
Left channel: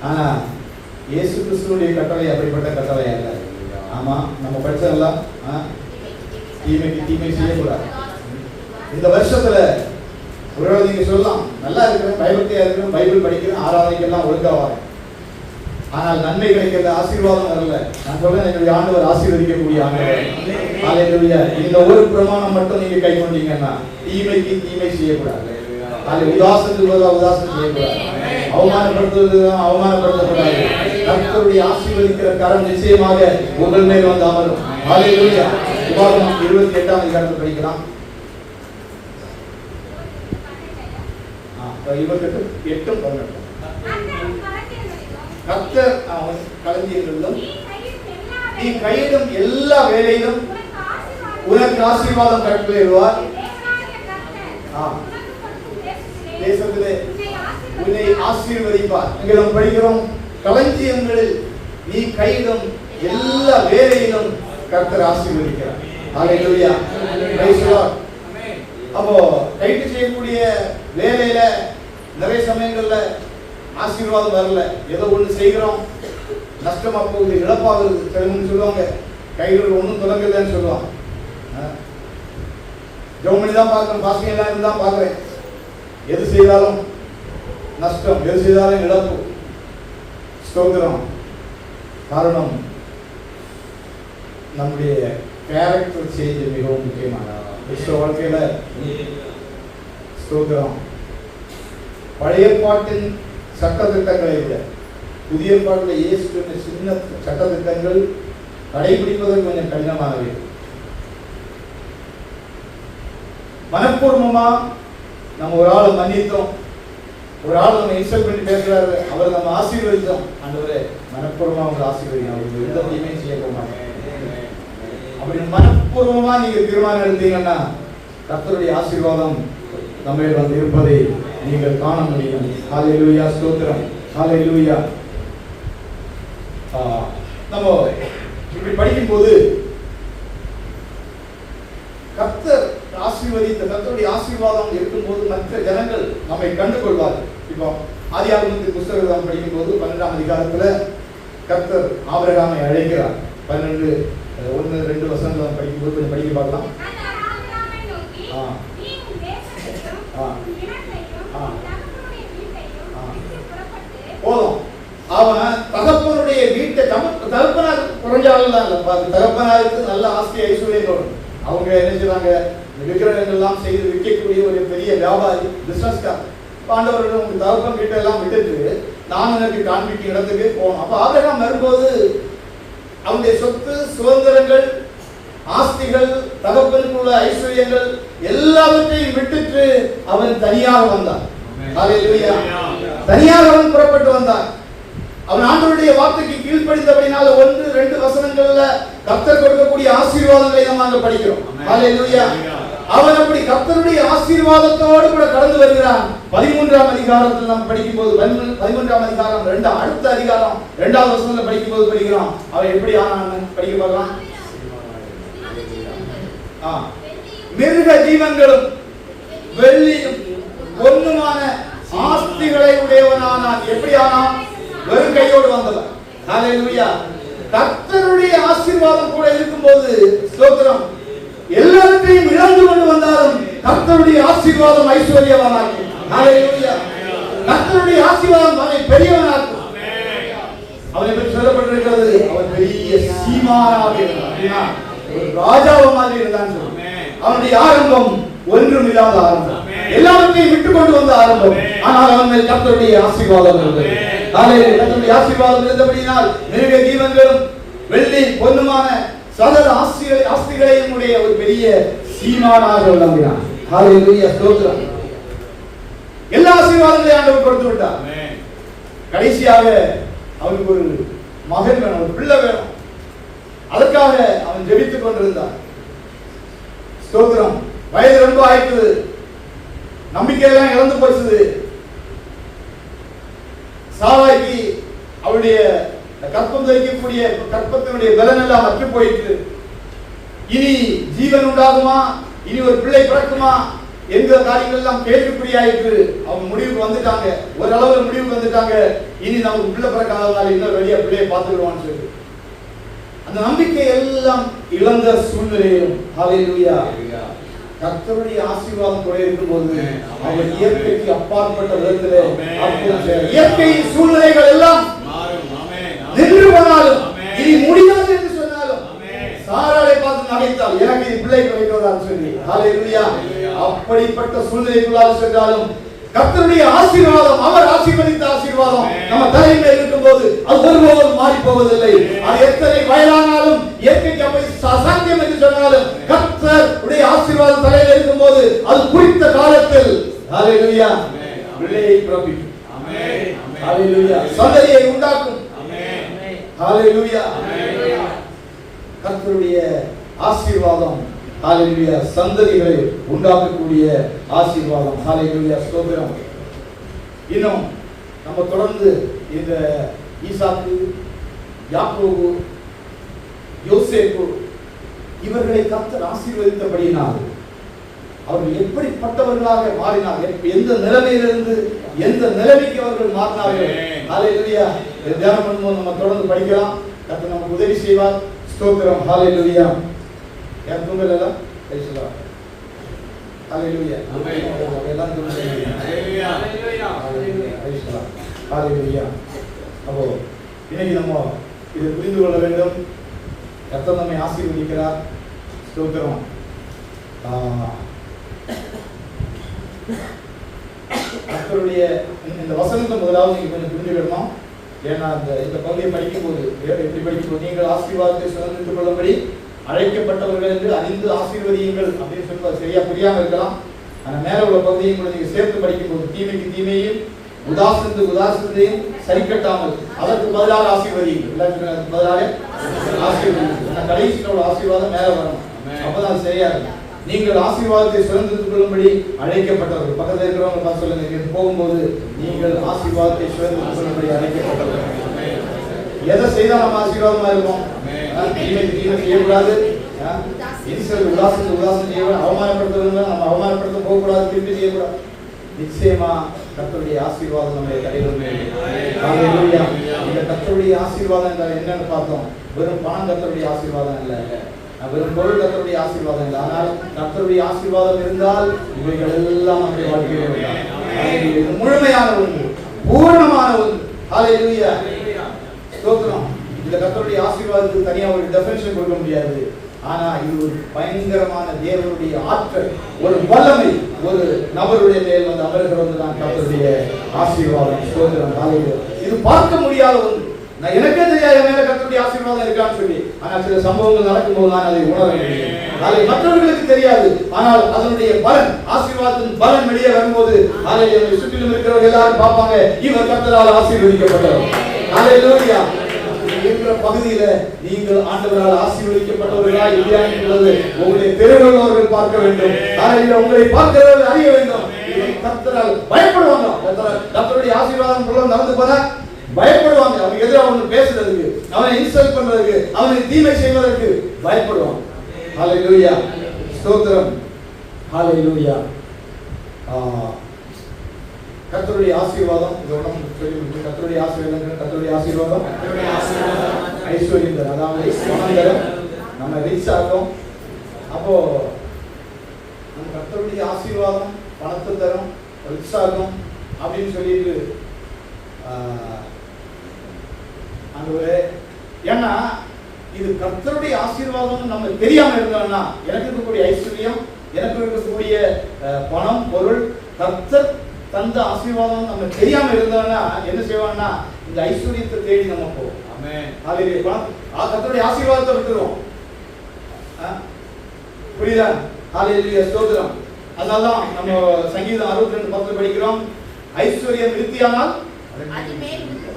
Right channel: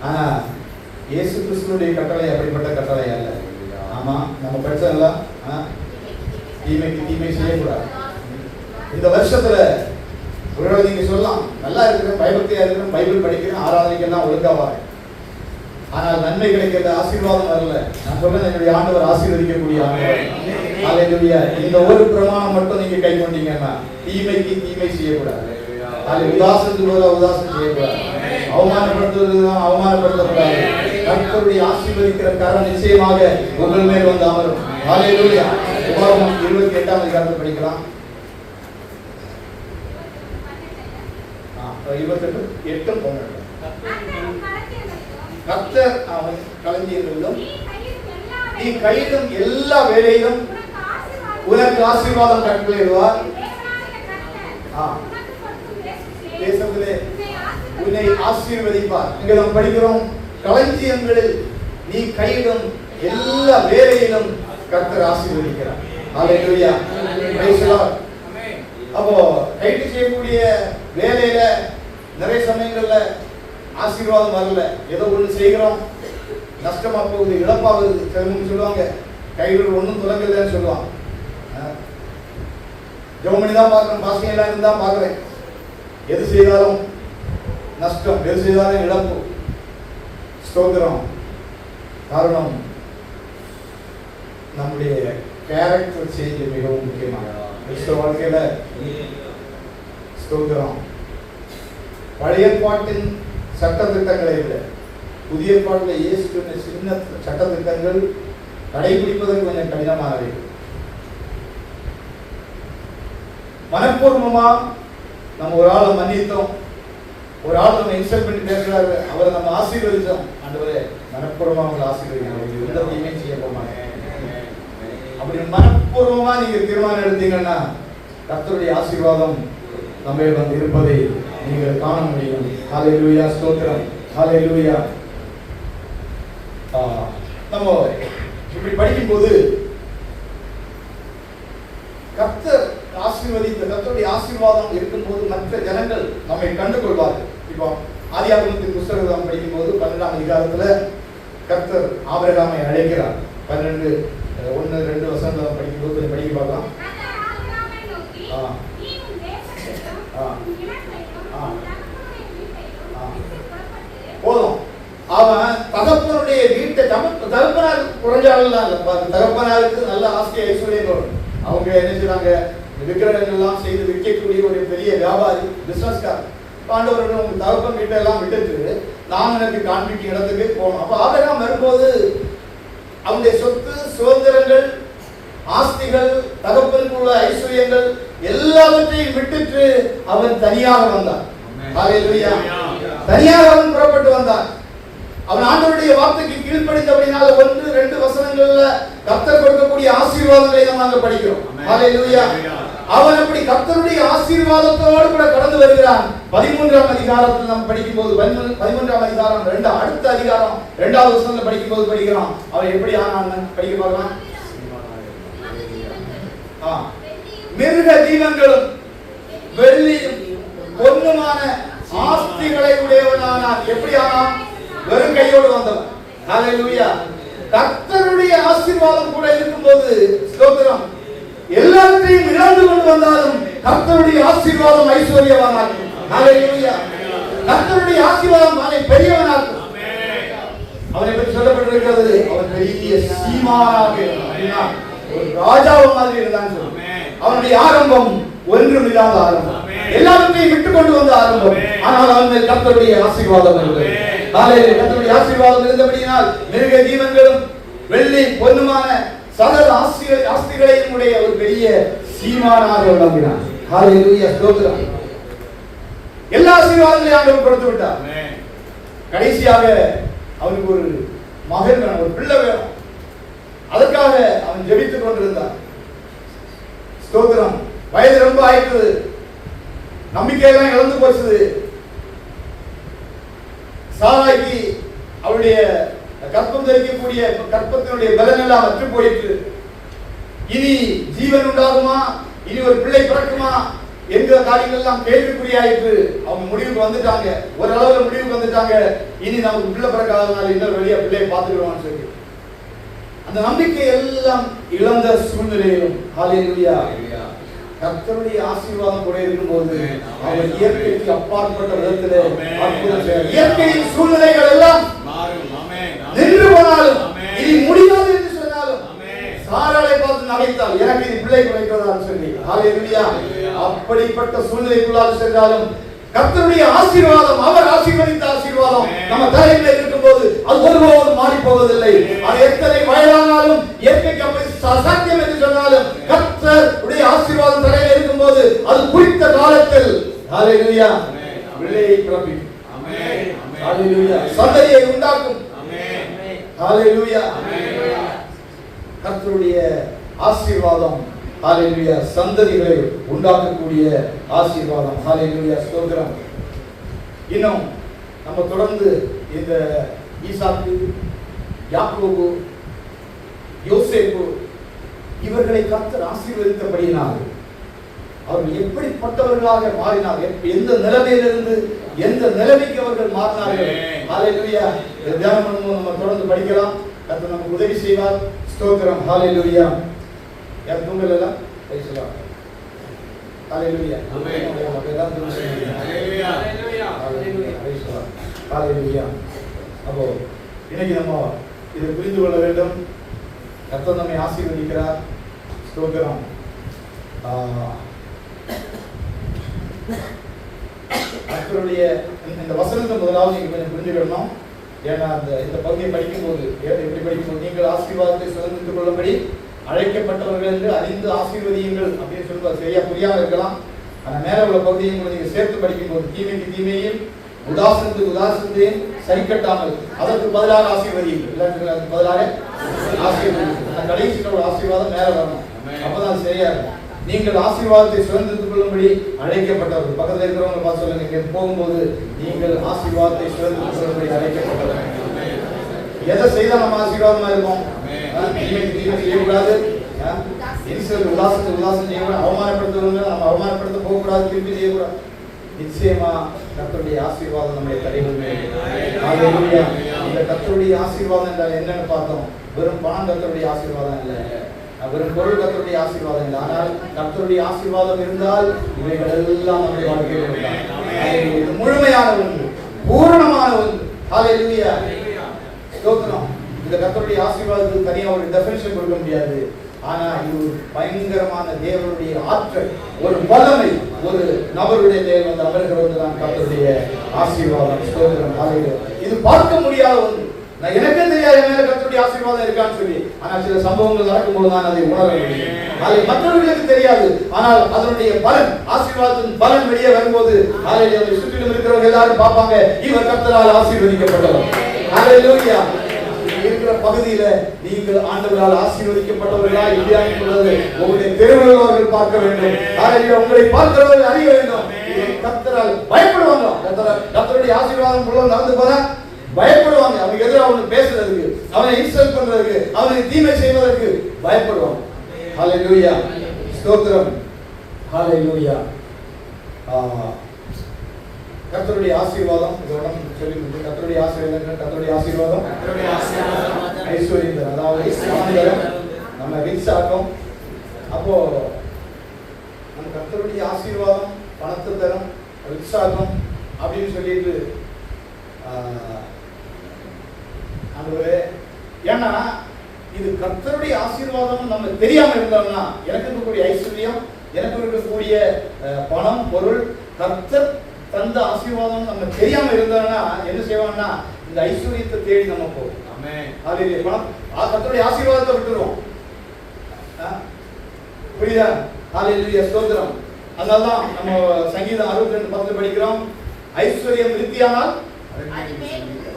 ஆனா இயேசு கிறிஸ்துவுடைய கட்டளை அப்படிப்பட்ட கட்டளை அல்ல. ஆமா, நம்ம படிச்சதெல்லாம் தீமைக்கு தீமை செய்யக்கூடாது. இந்த வருஷத்துல ஒருவேளை நீங்க சொல்லலாம், நல்லா இருக்கிறேன், பயபக்தியா இருக்கிறேன், பைபிள் படிக்கிறேன், ஆராதனைக்கெல்லாம் ஒழுங்கா வரேன், ஆனால் நன்மை கிடைக்கிறது, ஆசீர்வாதம் வரல. நான் சொல்றேன், என்னுடைய ஆண்டவர் ஆசீர்வதிக்கக்கூடிய ஆண்டவர். ஹல்லேலூயா. இந்த ஒரு பிரமாணம் மட்டும் நீங்க கை கொண்டீங்கன்னா தீமைக்கு தீமை செய்யக்கூடாது. அது உதாசனத்துக்கு உதாசனம் செய்யக்கூடாது, அவமானப்படுத்தக்கூடாது. கர்த்தருடைய ஆசீர்வதிக்கிற கரம் நிச்சயமாக உங்கள் மேல் வந்து அமரும். ஹல்லேலூயா. உபாகமம் 28ஆம் அதிகாரத்தை படிக்கலாம். 28-12. கர்த்தர் அவன் களஞ்சியங்களிலும் நீ கையிடும் எல்லா வேலையிலும் உனக்கு ஆசீர்வாதம் கட்டளையிடுவார். தேசத்திலே உன்னை ஆசீர்வதிப்பார். இங்க நாம் படிக்கிறோம், களஞ்சியங்களில் நீ கையிடும் எல்லா வேலையிலும் கர்த்தர் ஆசீர்வதிக்கிறார். ஹல்லேலூயா. Praise the Lord. அப்போ கைட்டு செய்யக்கூடிய வேலையில நிறைய சமயங்கள்ல ஆசீர்வாதம் வரல. ஏதோ ஒண்ணு செய்கிறோம், நஷ்டமா போகுது, இழப்பாகுது. சிலவங்க சொல்லுவாங்க, கைகள் ஒன்றும் தொடங்கலன்னு சொல்லுவாங்க. ஜெர்மனி தான் பார்க்கறேன், பாஸ்டிங் எல்லாம் தான் பார்க்கறேன். எது செய்தாலும் நஷ்டம், எது செய்தாலும் இழப்பு. ஸ்தோத்திரம். காரணம், நம்முடைய கேரக்டர் சேஞ்ச் மிகவும் முக்கியமானது கிறிஸ்தவ வாழ்க்கையில. ஸ்தோத்திரம். பழைய பாட்டின் சட்டத்திட்டங்களை இல்லை, புதிய பாட்டில் இயேசு சின்ன சட்டத்திட்டங்கள் கடைபிடிப்பதற்கு கொஞ்சம் கடினமானவை. மனப்பூர்வமா நம்ம ஒரு ஆளை மன்னித்தோம், ஒரு ஆள் நம்ம இன்சல்ட் பண்ணி பேசுறாரு, அவரை நம்ம ஆசீர்வதித்தோம். ஆண்டவரே மனப்பூர்வமா அவங்களை ஆசீர்வதிங்க, எந்த தீமையும் செய்ய போமாங்க. அப்படி மனப்பூர்வமா நீங்க தீர்மானம் எடுத்தீங்கன்னா கர்த்தருடைய ஆசீர்வாதம் நம்ம இருப்பதை நீங்கள் காண முடியும். ஹல்லேலூயா. ஸ்தோத்திரம். ஹல்லேலூயா. நம்ம இப்படி படிக்கும்போது கர்த்தர் ஆசீர்வதித்த கர்த்தருடைய ஆசீர்வாதம் இருக்கும்போது மற்ற ஜனங்கள் நம்மை கண்டுகொள்வார்கள். இப்போ ஆதியாகமத்தின் புத்தகத்தை நாம் படிக்கும்போது 12ஆம் அதிகாரத்துல கர்த்தர் ஆபிரகாமை அழைக்கிறார். 12:1-2 வசனங்களை படிக்கும்போது கொஞ்சம் படிக்க பார்க்கலாம். போதும், அவன் தகப்பனுடைய வீட்டை தகப்பனார் குறைஞ்சாலும் தகப்பனாருக்கு நல்ல ஆஸ்தி ஐஸ்வர்யம். அவங்க என்ன செய்வாங்க, விக்கிரகங்கள் எல்லாம் செய்து விற்கக்கூடிய ஒரு பெரிய வியாபாரி, பிசினஸ்கார். ஆண்டவர்கள் உங்க தகப்பன் வீட்டை எல்லாம் விட்டுட்டு நான் எனக்கு காண்பிக்கும் இடத்துக்கு போகணும். அப்ப ஆபிரகாம் வரும்போது அவனுடைய சொத்து சுதந்திரங்கள், ஆஸ்திகள், தகப்பனுக்குள்ள ஐஸ்வர்யங்கள் எல்லாவற்றையும் விட்டுட்டு அவன் தனியாக வந்தான். ஹல்லேலூயா. தனியாக அவன் புறப்பட்டு வந்தான். அவன் ஆண்டவருடைய வார்த்தைக்கு கீழ்ப்படிந்தபடினால 1-2 வசனங்கள்ல கர்த்தர் கொடுக்கக்கூடிய ஆசீர்வாதங்களை நம்ம படிக்கிறோம். ஹல்லேலூயா. அவன் அப்படி கர்த்தருடைய ஆசீர்வாதத்தோடு கூட கடந்து வருகிறான். 13ஆம் அதிகாரத்தில் நாம் படிக்கும்போது 13ஆம் அதிகாரம் அடுத்த அதிகாரம் 2வது வசனத்துல படிக்கும்போது படிக்கிறோம் அவன் எப்படி ஆனான்னு படிக்க பார்க்கலாம். மிருக ஜீவன்களும் வெள்ளியும் பொன்னுமான ஆஸ்திகளை உடையவனானான். எப்படி ஆனான்? வெறும் கையோடு வந்தவன். ஹல்லேலூயா. கர்த்தருடைய ஆசீர்வாதம் கூட இருக்கும்போது ஸ்தோத்திரம், எல்லாத்தையும் இழந்து கொண்டு வந்தாலும் கர்த்தருடைய ஆசீர்வாதம் ஐஸ்வர்யவானாக்கும். ஹல்லேலூயா. கர்த்தருடைய ஆசீர்வாதம் அவனை பெரியவனாக்கும். அவனை பற்றி சொல்லப்பட்டிருக்கிறது, அவன் பெரிய சீமானாக இருந்தான், ஒரு ராஜாவை மாதிரி இருந்தான். அவனுடைய ஆரம்பம் ஒன்றும் இல்லாத ஆரம்பம், எல்லாவற்றையும் விட்டு கொண்டு வந்த ஆரம்பம். ஆனால் அவன் கர்த்தருடைய ஆசீர்வாதம் இருந்தது. கர்த்தருடைய ஆசீர்வாதம் இருந்தபடியினால் மிருக ஜீவன்களும் வெள்ளி பொன்னுமான சகல ஆஸ்திகளையும் உடைய ஒரு பெரிய சீமானாக விளங்கினான். ஹல்லேலூயா, ஸ்தோத்திரம். எல்லா ஆசீர்வாதங்களையும் ஆண்டவர் கொடுத்து விட்டார். கடைசியாக அவனுக்கு ஒரு மகன் வேணும், ஒரு பிள்ளை வேணும். அதற்காக அவன் ஜெபித்துக் கொண்டிருந்தான். ஸ்தோத்திரம். வயது ரொம்ப ஆயிட்டது, நம்பிக்கையெல்லாம் இழந்து போச்சு. சாராய்க்கு அவருடைய கற்பம் தரிக்கக்கூடிய கற்பத்தினுடைய பலன் எல்லாம் அற்று போயிற்று. இனி ஜீவன் உண்டாகுமா, இனி ஒரு பிள்ளை பிறக்குமா என்கிற காரியங்கள் எல்லாம் கேள்விக்குறியாயிற்று. அவங்க முடிவுக்கு வந்துட்டாங்க, ஒரு அளவுல முடிவுக்கு வந்துட்டாங்க. இனி நமக்கு பிள்ளை பிறக்காதனால இன்னொரு வெளியே பிள்ளையை பார்த்துக்கிடுவான்னு சொல்லி அந்த நம்பிக்கை எல்லாம் இழந்த சூழ்நிலையிலும் ஹல்லேலூயா, கர்த்தருடைய ஆசீர்வாதம் கூட இருக்கும்போது அவர் இயற்கைக்கு அப்பாற்பட்ட விதத்திலே இயற்கையின் சூழ்நிலைகள் எல்லாம் நின்று போனாலும் இனி முடியாது என்று சொன்னாலும் சாராளை பார்த்து நகைத்தால் எனக்கு இது பிள்ளை கிடைக்கிறதா சொல்லி ஹல்லேலூயா, அப்படிப்பட்ட சூழ்நிலைக்குள்ளாக சென்றாலும் கர்த்தருடைய ஆசீர்வாதம், அவர் ஆசீர்வதித்த ஆசீர்வாதம் நம்ம தலையில இருக்கும்போது அது ஒருபோதும் மாறி போவதில்லை. அது எத்தனை வயதானாலும் இயற்கைக்கு அப்படி அசாத்தியம் என்று சொன்னாலும் கர்த்தருடைய ஆசீர்வாதம் தலையில இருக்கும்போது அது குறித்த காலத்தில் ஹல்லேலூயா பிள்ளையை பிறப்பிக்கும். ஆமென். ஹல்லேலூயா, சந்ததியை உண்டாக்கும். ஆமென். ஹல்லேலூயா. கர்த்தருடைய ஆசீர்வாதம் ஹல்லேலூயா சந்ததிகளை உண்டாக்கக்கூடிய ஆசீர்வாதம். ஹல்லேலூயா, ஸ்தோத்திரம். இன்னும் நம்ம தொடர்ந்து இந்த ஈசாக்கு, யாக்கோபு, யோசேப்பு இவர்களை கர்த்தர் ஆசீர்வதித்தபடியினால் அவர்கள் எப்படிப்பட்டவர்களாக மாறினார்கள், எந்த நிலைமையிலிருந்து எந்த நிலைமைக்கு அவர்கள் மாறினார்கள். ஹல்லேலூயா, தியானம் பண்ணும்போது நம்ம தொடர்ந்து படிக்கலாம். கர்த்தர் நமக்கு உதவி செய்வார். ஸ்தோத்திரம். ஹல்லேலூயா. யார் தூங்கலடா? பேசலா. ஹல்லேலூயா. ஆமென். எல்லாம் தூங்குங்க. ஹல்லேலூயா. ஹல்லேலூயா. பேசலா. ஹல்லேலூயா. அப்போ இன்னைக்கு நம்ம இதை புரிந்து கொள்ள வேண்டும். கர்த்தர் நம்மை ஆசீர்வதிக்கிறார். ஸ்தோத்திரம். கர்த்தருடைய இந்த வசனத்தை முதலாவது நீங்க கொஞ்சம் புரிஞ்சுக்கணும். ஏன்னா இந்த பகுதியை படிக்கும்போது எப்படி படிக்கும்போது நீங்கள் ஆசீர்வாதத்தை சுதந்திரித்துக் கொள்ளும்படி அழைக்கப்பட்டவர்கள் என்று அறிந்து ஆசீர்வதியுங்கள் அப்படின்னு சொல்லுவார். சரியா புரியாம இருக்கலாம். ஆனா மேல உள்ள பகுதியை கூட நீங்க சேர்த்து படிக்கும்போது தீமைக்கு தீமையும் உதாசனத்துக்கு உதாசனத்தையும் சரி கட்டாமல் அதற்கு பதிலாக ஆசீர்வதியுங்கள், அதற்கு பதிலாக ஆசீர்வதியுங்கள். கடைசியில் ஒரு ஆசீர்வாதம் மேல வரணும், அப்பதான் சரியா இருக்கும். நீங்கள் ஆசீர்வாதத்தை சுதந்திரித்துக் கொள்ளும்படி அழைக்கப்பட்டவர்கள். பக்கத்தில் இருக்கிறவங்க பார்த்து சொல்லுங்க, போகும்போது நீங்கள் ஆசீர்வாதத்தை சுதந்திரித்துக் கொள்ளும்படி அழைக்கப்பட்டவர்கள். எதை செய்தால் நம்ம ஆசீர்வாதமா இருக்கும்? தீமைக்கு தீமை செய்யக்கூடாது, உதாசனத்துக்கு உதாசனம் செய்யக்கூடாது, அவமானப்படுத்துவங்க நம்ம அவமானப்படுத்த போகக்கூடாது, திருப்பி செய்யக்கூடாது. நிச்சயமா கர்த்தருடைய ஆசீர்வாதம் நம்முடைய கடைகள். இந்த கர்த்தருடைய ஆசீர்வாதம் என்றால் என்னன்னு பார்த்தோம். வெறும் பணம் கர்த்தருடைய ஆசீர்வாதம் இல்லை, வெறும் பொருள் கர்த்தருடைய ஆசீர்வாதம் இல்லை. ஆனால் கர்த்தருடைய ஆசீர்வாதம் இருந்தால் இவைகள் எல்லாம் நம்முடைய வாழ்க்கையில் இது முழுமையான ஒன்று, பூரணமான ஒன்று. ஹல்லேலூயா, ஸ்தோத்திரம். இந்த கர்த்தருடைய ஆசீர்வாதத்துக்கு தனியா ஒரு டெஃபினிஷன் கொடுக்க முடியாது. ஆனா இது ஒரு பயங்கரமான தேவனுடைய ஆற்றல், ஒரு வல்லமை ஒரு நபருடைய மேல் வந்து அமர்கிறது தான் கர்த்தருடைய ஆசீர்வாதம். ஸ்தோத்திரம். ஹல்லேலூயா. இது பார்க்க முடியாத ஒன்று. நான் எனக்கே தெரியாது மேல கர்த்தருடைய ஆசீர்வாதம் இருக்கான்னு சொல்லி. ஆனால் சில சம்பவங்கள் நடக்கும்போது நான் அதை உணர முடியும். அது மற்றவர்களுக்கு தெரியாது. ஆனால் அதனுடைய பலன், ஆசீர்வாதத்தின் பலன் வெளியே வரும்போது ஹல்லேலூயா சுற்றிலும் இருக்கிறவங்க எல்லாரும் பார்ப்பாங்க, இவர் கர்த்தரால் ஆசீர்வதிக்கப்பட்டவர். ஹல்லேலூயா. இருக்கிற பகுதியில நீங்கள் ஆண்டவரால் ஆசீர்வதிக்கப்பட்டவர்களா இல்லையா என்பதை உங்களுடைய தெருவர்கள் பார்க்க வேண்டும். உங்களை பார்க்கிறவர்கள் அறிய வேண்டும். கர்த்தரால் பயப்படுவாங்க. கர்த்தருடைய ஆசீர்வாதம் உள்ள நடந்து போனா பயப்படுவாங்க. அவனுக்கு எதிராக அவனு பேசுறதுக்கு, அவனை இன்சல்ட் பண்றதுக்கு, அவனை தீமை செய்வதற்கு பயப்படுவாங்க. ஹல்லேலூயா, ஸ்தோத்திரம். ஹல்லேலூயா. கர்த்தருடைய ஆசீர்வாதம் சொல்லி முடிச்சு. கர்த்தருடைய ஆசீர்வாதம், கர்த்தருடைய ஆசீர்வாதம் ஐஸ்வர்யம், அதாவது நம்ம ரிச் ஆகும், அப்போ நம்ம கர்த்தருடைய ஆசீர்வாதம் பணத்தை தரும், உற்சாகம் அப்படின்னு சொல்லிட்டு ஆண்டவரே, ஏன்னா இது கர்த்தருடைய ஆசீர்வாதம் நம்ம தெரியாம இருந்தோம்னா, எனக்கு இருக்கக்கூடிய ஐஸ்வர்யம், எனக்கு இருக்கக்கூடிய பணம் பொருள் கர்த்தர் தந்த ஆசீர்வாதம் நம்ம தெரியாம இருந்தோம்னா என்ன செய்வாங்கன்னா இந்த ஐஸ்வர்யத்தை தேடி நம்ம போவோம். கர்த்தருடைய ஆசீர்வாதத்தை விட்டுருவோம். புரியுதா? ஹல்லேலூயா, ஸ்தோத்திரம். அதனாலதான் நம்ம சங்கீதம் 62:10 படிக்கிறோம், ஐஸ்வர்யம் விருத்தியானால்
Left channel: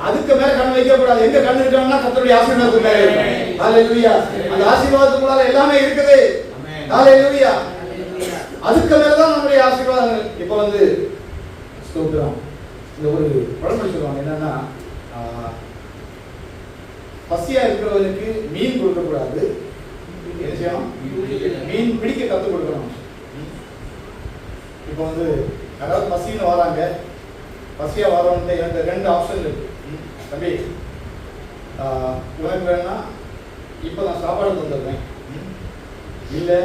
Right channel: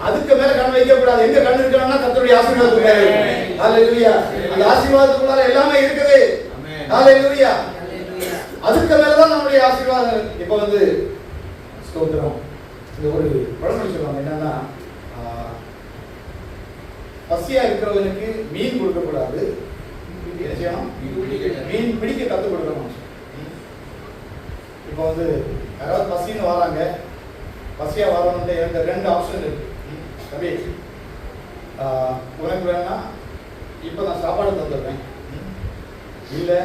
அதுக்கு மேல கண் வைக்க கூடாது. எங்க கண் இருக்காங்கன்னா கர்த்தருடைய ஆசீர்வாதத்துக்கு மேல இருக்கு. ஹல்லேலூயா. அந்த ஆசீர்வாதத்துக்குள்ள எல்லாமே இருக்குது. ஹல்லேலூயா. அதுக்கு மேலதான் நம்முடைய ஆசீர்வாதம். இப்போ வந்து ஸ்தோத்திரம், இந்த ஒரு பழமொழி சொல்லுவாங்க, என்னன்னா பசியா இருக்கிறவனுக்கு மீன் கொடுக்க கூடாது, என்ன செய்யணும்? மீன் பிடிக்க கத்து கொடுக்கணும். இப்போ வந்து யாராவது பசின்னு வராங்க, பசியா வரவன்ட்டு எனக்கு 2 ஆப்ஷன் இருக்கு. தம்பி, உனக்கு வேணா இப்போ நான் சாப்பாடு தந்துடுறேன், இல்லை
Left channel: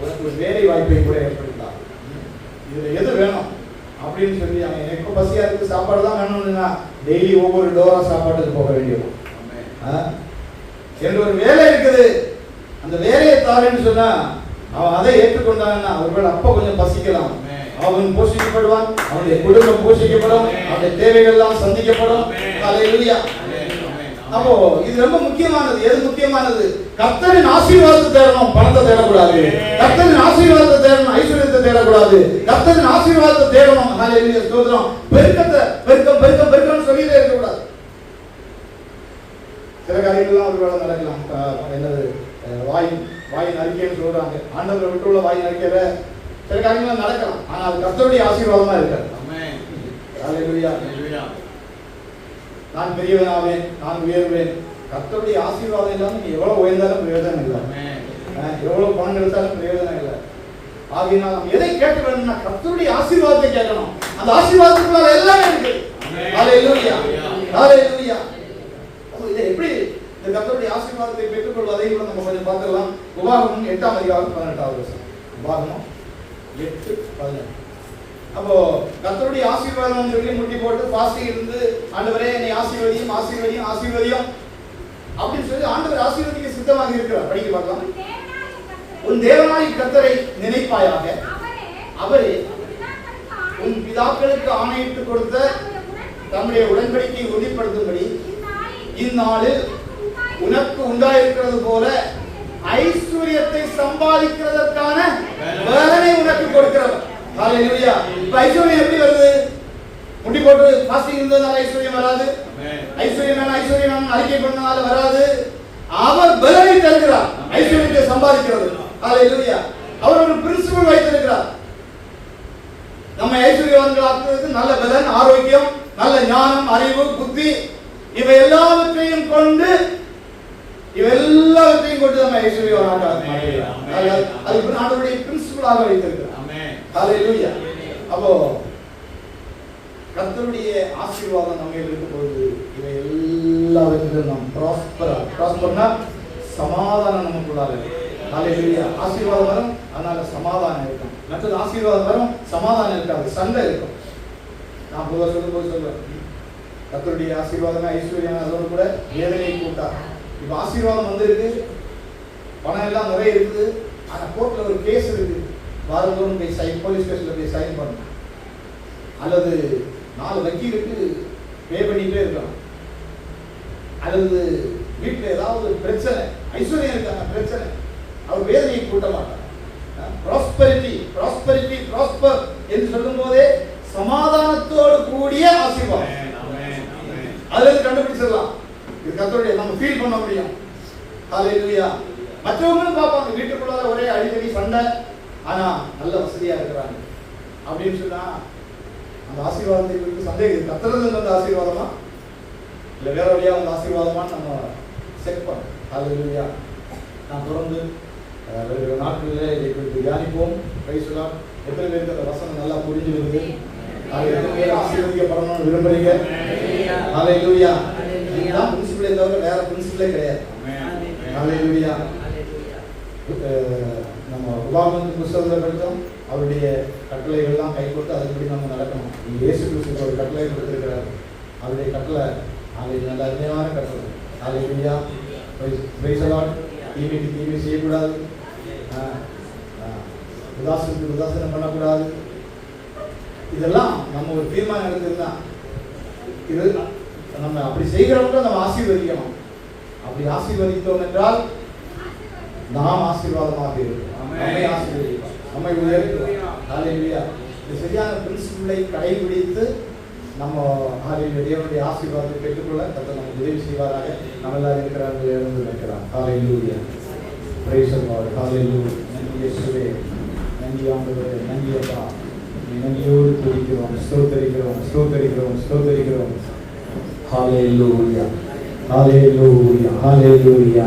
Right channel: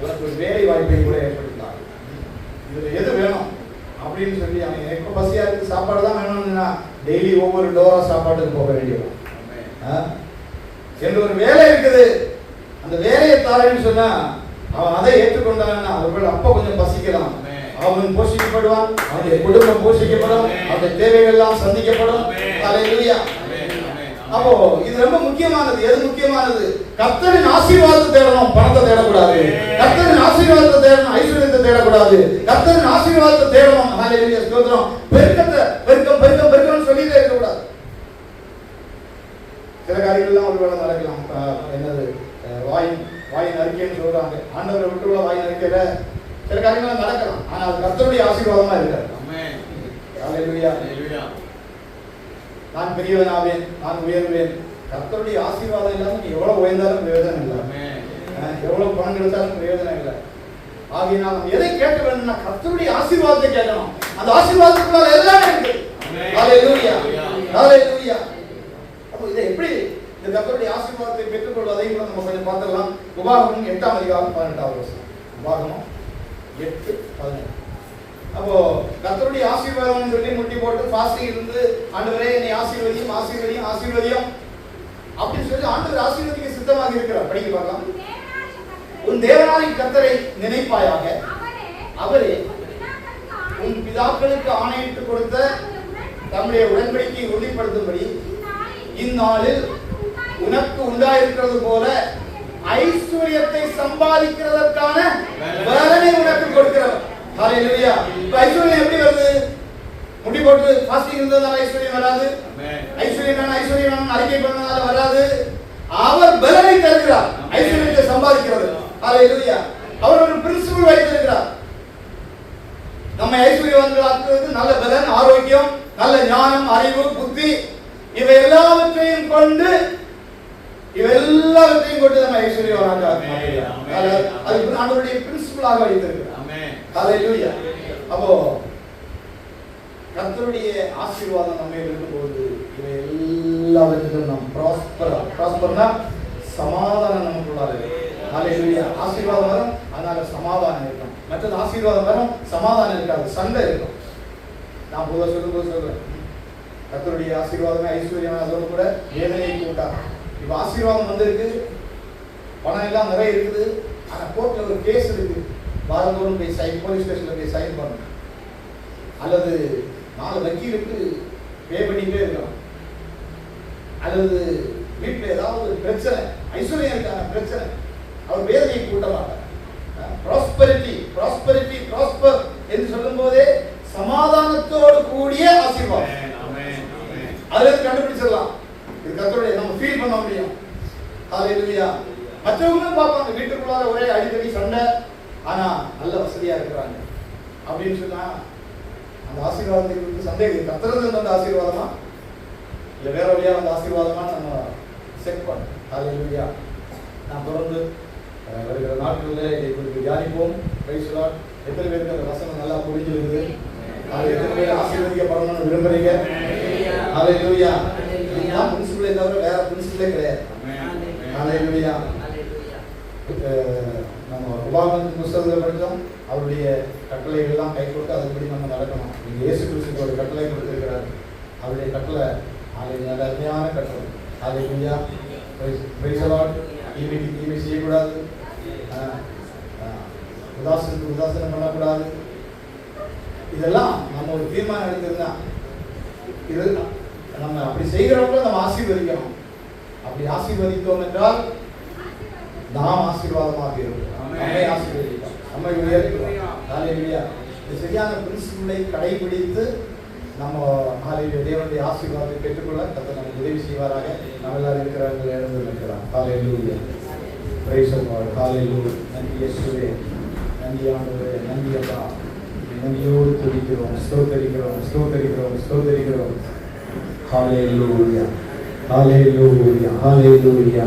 உனக்கு ஒரு வேலை வாய்ப்பை கூட ஏற்படுத்தலாம், இதுல எது வேணும் அப்படின்னு சொல்லி அவன் எனக்கு பசியா இருக்கு சாப்பாடு தான் வேணும்னா டெய்லி ஒவ்வொரு டோரா சாப்பாட்டுக்கு போக வேண்டியது. எனக்கு ஒரு வேலை இருக்குது, அந்த வேலையை தாரேன்னு சொன்னா அவன் அதை ஏற்றுக்கொண்டான்னா ஒருவேளை அப்ப கொஞ்சம் பசிக்கலாம், அவன் போஷிக்கப்படுவான், அவனுடைய குடும்பம் போஷிக்கப்படும், அவனுடைய தேவைகள் எல்லாம் சந்திக்கப்படும். ஹல்லேலூயா. அப்போ இது ரொம்ப முக்கியமானது. எது முக்கியமானது? கர்த்தரின் ஆசீர்வாதத்தை தேடணும், பணத்தை தேடக்கூடாது. கர்த்தரின் ஆசீர்வாதத்தை தேடணும், ஐஸ்வர்யத்தை தேடக்கூடாது. கர்த்தரின் ஆசீர்வாதத்தை தேடணும். ஹல்லேலூயா, ஸ்தோத்திரம். பெருக்கத்தை பெருக்கம் பெருக்கம் பெருக்கம்னு சொல்லிட்டே இருக்க கூடாது. சில காரியங்கள்லாம் ஒருவேளை நடக்கலாம். என்னது வாயின் அறிக்கைன்னு சொல்றாங்க, ஆண்டவரை விட்டுள்ள வாயின் அறிக்கையில சில காரியங்கள் நடக்கலாம், ஆனா அது கர்த்தருடைய ஆசீர்வாதமா இருக்காது. ஹல்லேலூயா. நான் பெரியவனாவேன், நான் உயர்வேன், கர்த்தருடைய ஆசீர்வாதம் இல்லாம நீ எவ்வளவு உயர்ந்தாலும் பிரயோஜனம் இல்லை, எவ்வளவு பணம் எடுத்தாலும் பிரயோஜனம் இல்லை. ஆகையினால் நம்ம எதை கேட்க வேணும்னா கர்த்தருடைய ஆசீர்வாதத்தை கேட்கணும். அந்த ஆசீர்வாதத்துக்குள்ள எல்லாமே இருக்கு. ஹல்லேலூயா, ஹல்லேலூயா. அப்போ இதை எப்படி இந்த கர்த்தருடைய ஆசீர்வாதத்தை பெற்றுக்கொள்வதையும் கூட நம்ம கொஞ்சம் பார்த்துடலாம். உபாகமம் 8:18 வசனம். உபாகமம் 8:18. அப்போ கர்த்தருடைய ஆசீர்வாதம் சொல்லி முட்டி போட்டு ஃபாஸ்டிங் இருந்து ஆண்டவரே நீ ஆசீர்வதியும் ஆசீர்வதியும் ஆசீர்வதியும் அப்படின்னு சொல்லி ஆண்டவர் ஆசீர்வதிக்க சித்தமாக இருக்கிறார். படிக்க பார்க்கலாம். உன் தேவனாகிய கர்த்தரை நினைப்பாயாக, அவரே உன் பிதாக்களுக்கு ஆணையிட்டு கொடுத்த தம்முடைய உடன்படிக்கையை உறுதிப்படுத்தும்படி இந்நாளில் உனக்கு உண்டாயிருக்கிறது போல ஐஸ்வர்யத்தை சம்பாதிக்கிறதற்கான பலனை உனக்கு கொடுக்கிறவர். ஹல்லேலூயா. ஐஸ்வர்யம் எப்படி வருது? முட்டி போட்டு ஃபாஸ்டிங் இருந்ததால ஐஸ்வர்யம் வராது. ஐஸ்வர்யம் அறிக்கை பண்ணனால வராது. அவர் பலனை தருகிறார் ஐஸ்வர்யத்தை சம்பாதிக்கிறது. ஹல்லேலூயா. அவர் ஒரு பிரின்சிபல் வைத்திருக்கிறார். நம்ம ஐஸ்வர்யவான்கள் ஆக்குவதற்கு நல்ல பலன், ஆரோக்கியம், நல்ல ஞானம், அறிவு, புத்தி இவை எல்லாவற்றையும் கொண்டு நம்ம ஐஸ்வர்யவான் அதுக்கு ஆண்டவருடைய பிரின்சிபலாக வைத்திருக்கிறார். ஹல்லேலூயா. அப்போ கர்த்தருடைய ஆசீர்வாதம் நம்ம இருக்கும்போது இவை எல்லாவற்றிலும் நாம் ப்ராஸ்பர்னா சமாதானம் நமக்குள்ளார இருக்கு. ஹல்லேலூயா. ஆசீர்வாதம் வரும், அதனால சமாதானம் இருக்கும். மற்றது ஆசீர்வாதம் வரும், சமாதானம் இருக்காது, சண்டை இருக்கும். நான் பொதுவாக சொல்றேன், கர்த்தருடைய ஆசீர்வாதமே ஐஸ்வர்யம், அதோடு கூட வேதனையை கூட்டா. இப்ப ஆசீர்வாதம் வந்திருக்கு, பணம் எல்லாம் நிறைய இருக்குது, ஆனா கோர்ட்ல ஒரு கேஸ் இருக்கு, வாரந்தோறும் போய் போலீஸ் ஸ்டேஷன்ல போய் சைன் பண்ணணும், அல்லது 4 வக்கீலுக்கு பே பண்ணிட்டே இருக்கலாம், அல்லது வீட்டில் ஏதாவது பிரச்சனை, ஐஸ்வர்யம் இருக்கான பிரச்சனை, அவர் வேதனையை கூட்ட மாட்டார். ப்ராஸ்பெரிட்டி என்று சொல்லும் போதே சமாதானத்தோடு கூடிய ஆசீர்வாதம். அதுல இருந்து கண்டுபிடிச்சிடலாம், இது கர்த்தருடைய, நம்ம ஃபீல் பண்ண முடியும். ஹல்லேலூயா. மற்றவங்களும் பார்ப்பாங்க, வீட்டுக்குள்ளார ஒரே அடிக்கடி சண்டை, ஆனா நல்ல வசதியா இருக்கிறாங்க அப்படின்னு சொன்னா அந்த ஆசீர்வாதத்துக்கு சந்தேகம், கர்த்தருக்கு அந்த ஆசீர்வாதமா இல்ல வேற வழியா அந்த ஆசீர்வாதமா நம்ம செக் பண்ணோம். ஹல்லேலூயா. நாம் தொடர்ந்து வருகிற நாட்களில் இதை குறித்து தியானிப்போம். பேசலாம். எத்தனை பேருக்கு அந்த வசனம் நல்லா புரிஞ்சிருக்குது? எத்தனை பேர் ஆசீர்வதிக்கப்படணும்னு விரும்புறீங்க? ஹல்லேலூயா. இதுதான் பிரின்சிபலே தவிர வேற பிரின்சிபலே கிடையாது. ஹல்லேலூயா. நம்ம உபாகமத்தின் புத்தகத்தில் படித்தோம், அவருடைய கட்டளைகள்லாம் கை கொண்டு அதுபடி நம்ம நடக்கணும். நீங்கள் இயேசு கிறிஸ்துக்கு ஒரு கட்டளை கொடுத்திருக்கிறார். அவருடைய கட்டளை அது நல்ல அருமையான கட்டளை. ஹல்லேலூயா, பிரைஸ் தி லார்ட். தீமைக்கு தீமை செய்யக்கூடாது, உதாசனத்துக்கு உதாசனம் பண்ணக்கூடாது. இதெல்லாம் நம்ம ஒரு தீர்மானம் எடுத்திருந்தா இது நம்ம அப்படி செய்கிறவங்க நம்ம ஆசீர்வதிக்கணும். அப்படி ஆசீர்வதித்தோம் என்றால் நாம் ஆசீர்வாதமாக இருக்கிறோம். நம்மை ஆசீர்வதிப்போம், நம்மை உயர்த்துவோம். ஹல்லேலூயா. இந்த சரியான பிரின்சிபிளை கடைபிடித்து நம்ம ஹல்லேலூயா தேவனுடைய ஆசீர்வாதத்தை பெற்றுக்கொள்ள கர்த்தர் நமக்கு உதவி செய்வாராக. நம்ம எல்லாரும் இருக்கிறார்கள், எழுந்து இருக்கிறார். ஹல்லேலூயா, பிரைஸ் தி லார்ட். ஹல்லேலூயா. நன்றி இயேசுவே, நன்றி ஆண்டவரே, நன்றி அப்பா. நன்றியோடு துதிக்கிறோம், ஸ்தோத்திரிக்கிறோம், ஸ்தோத்திரிக்கிறோம், ஸ்தோத்திரிக்கிறோம். ஹல்லேலூயா, ஹல்லேலூயா, ஹல்லேலூயா.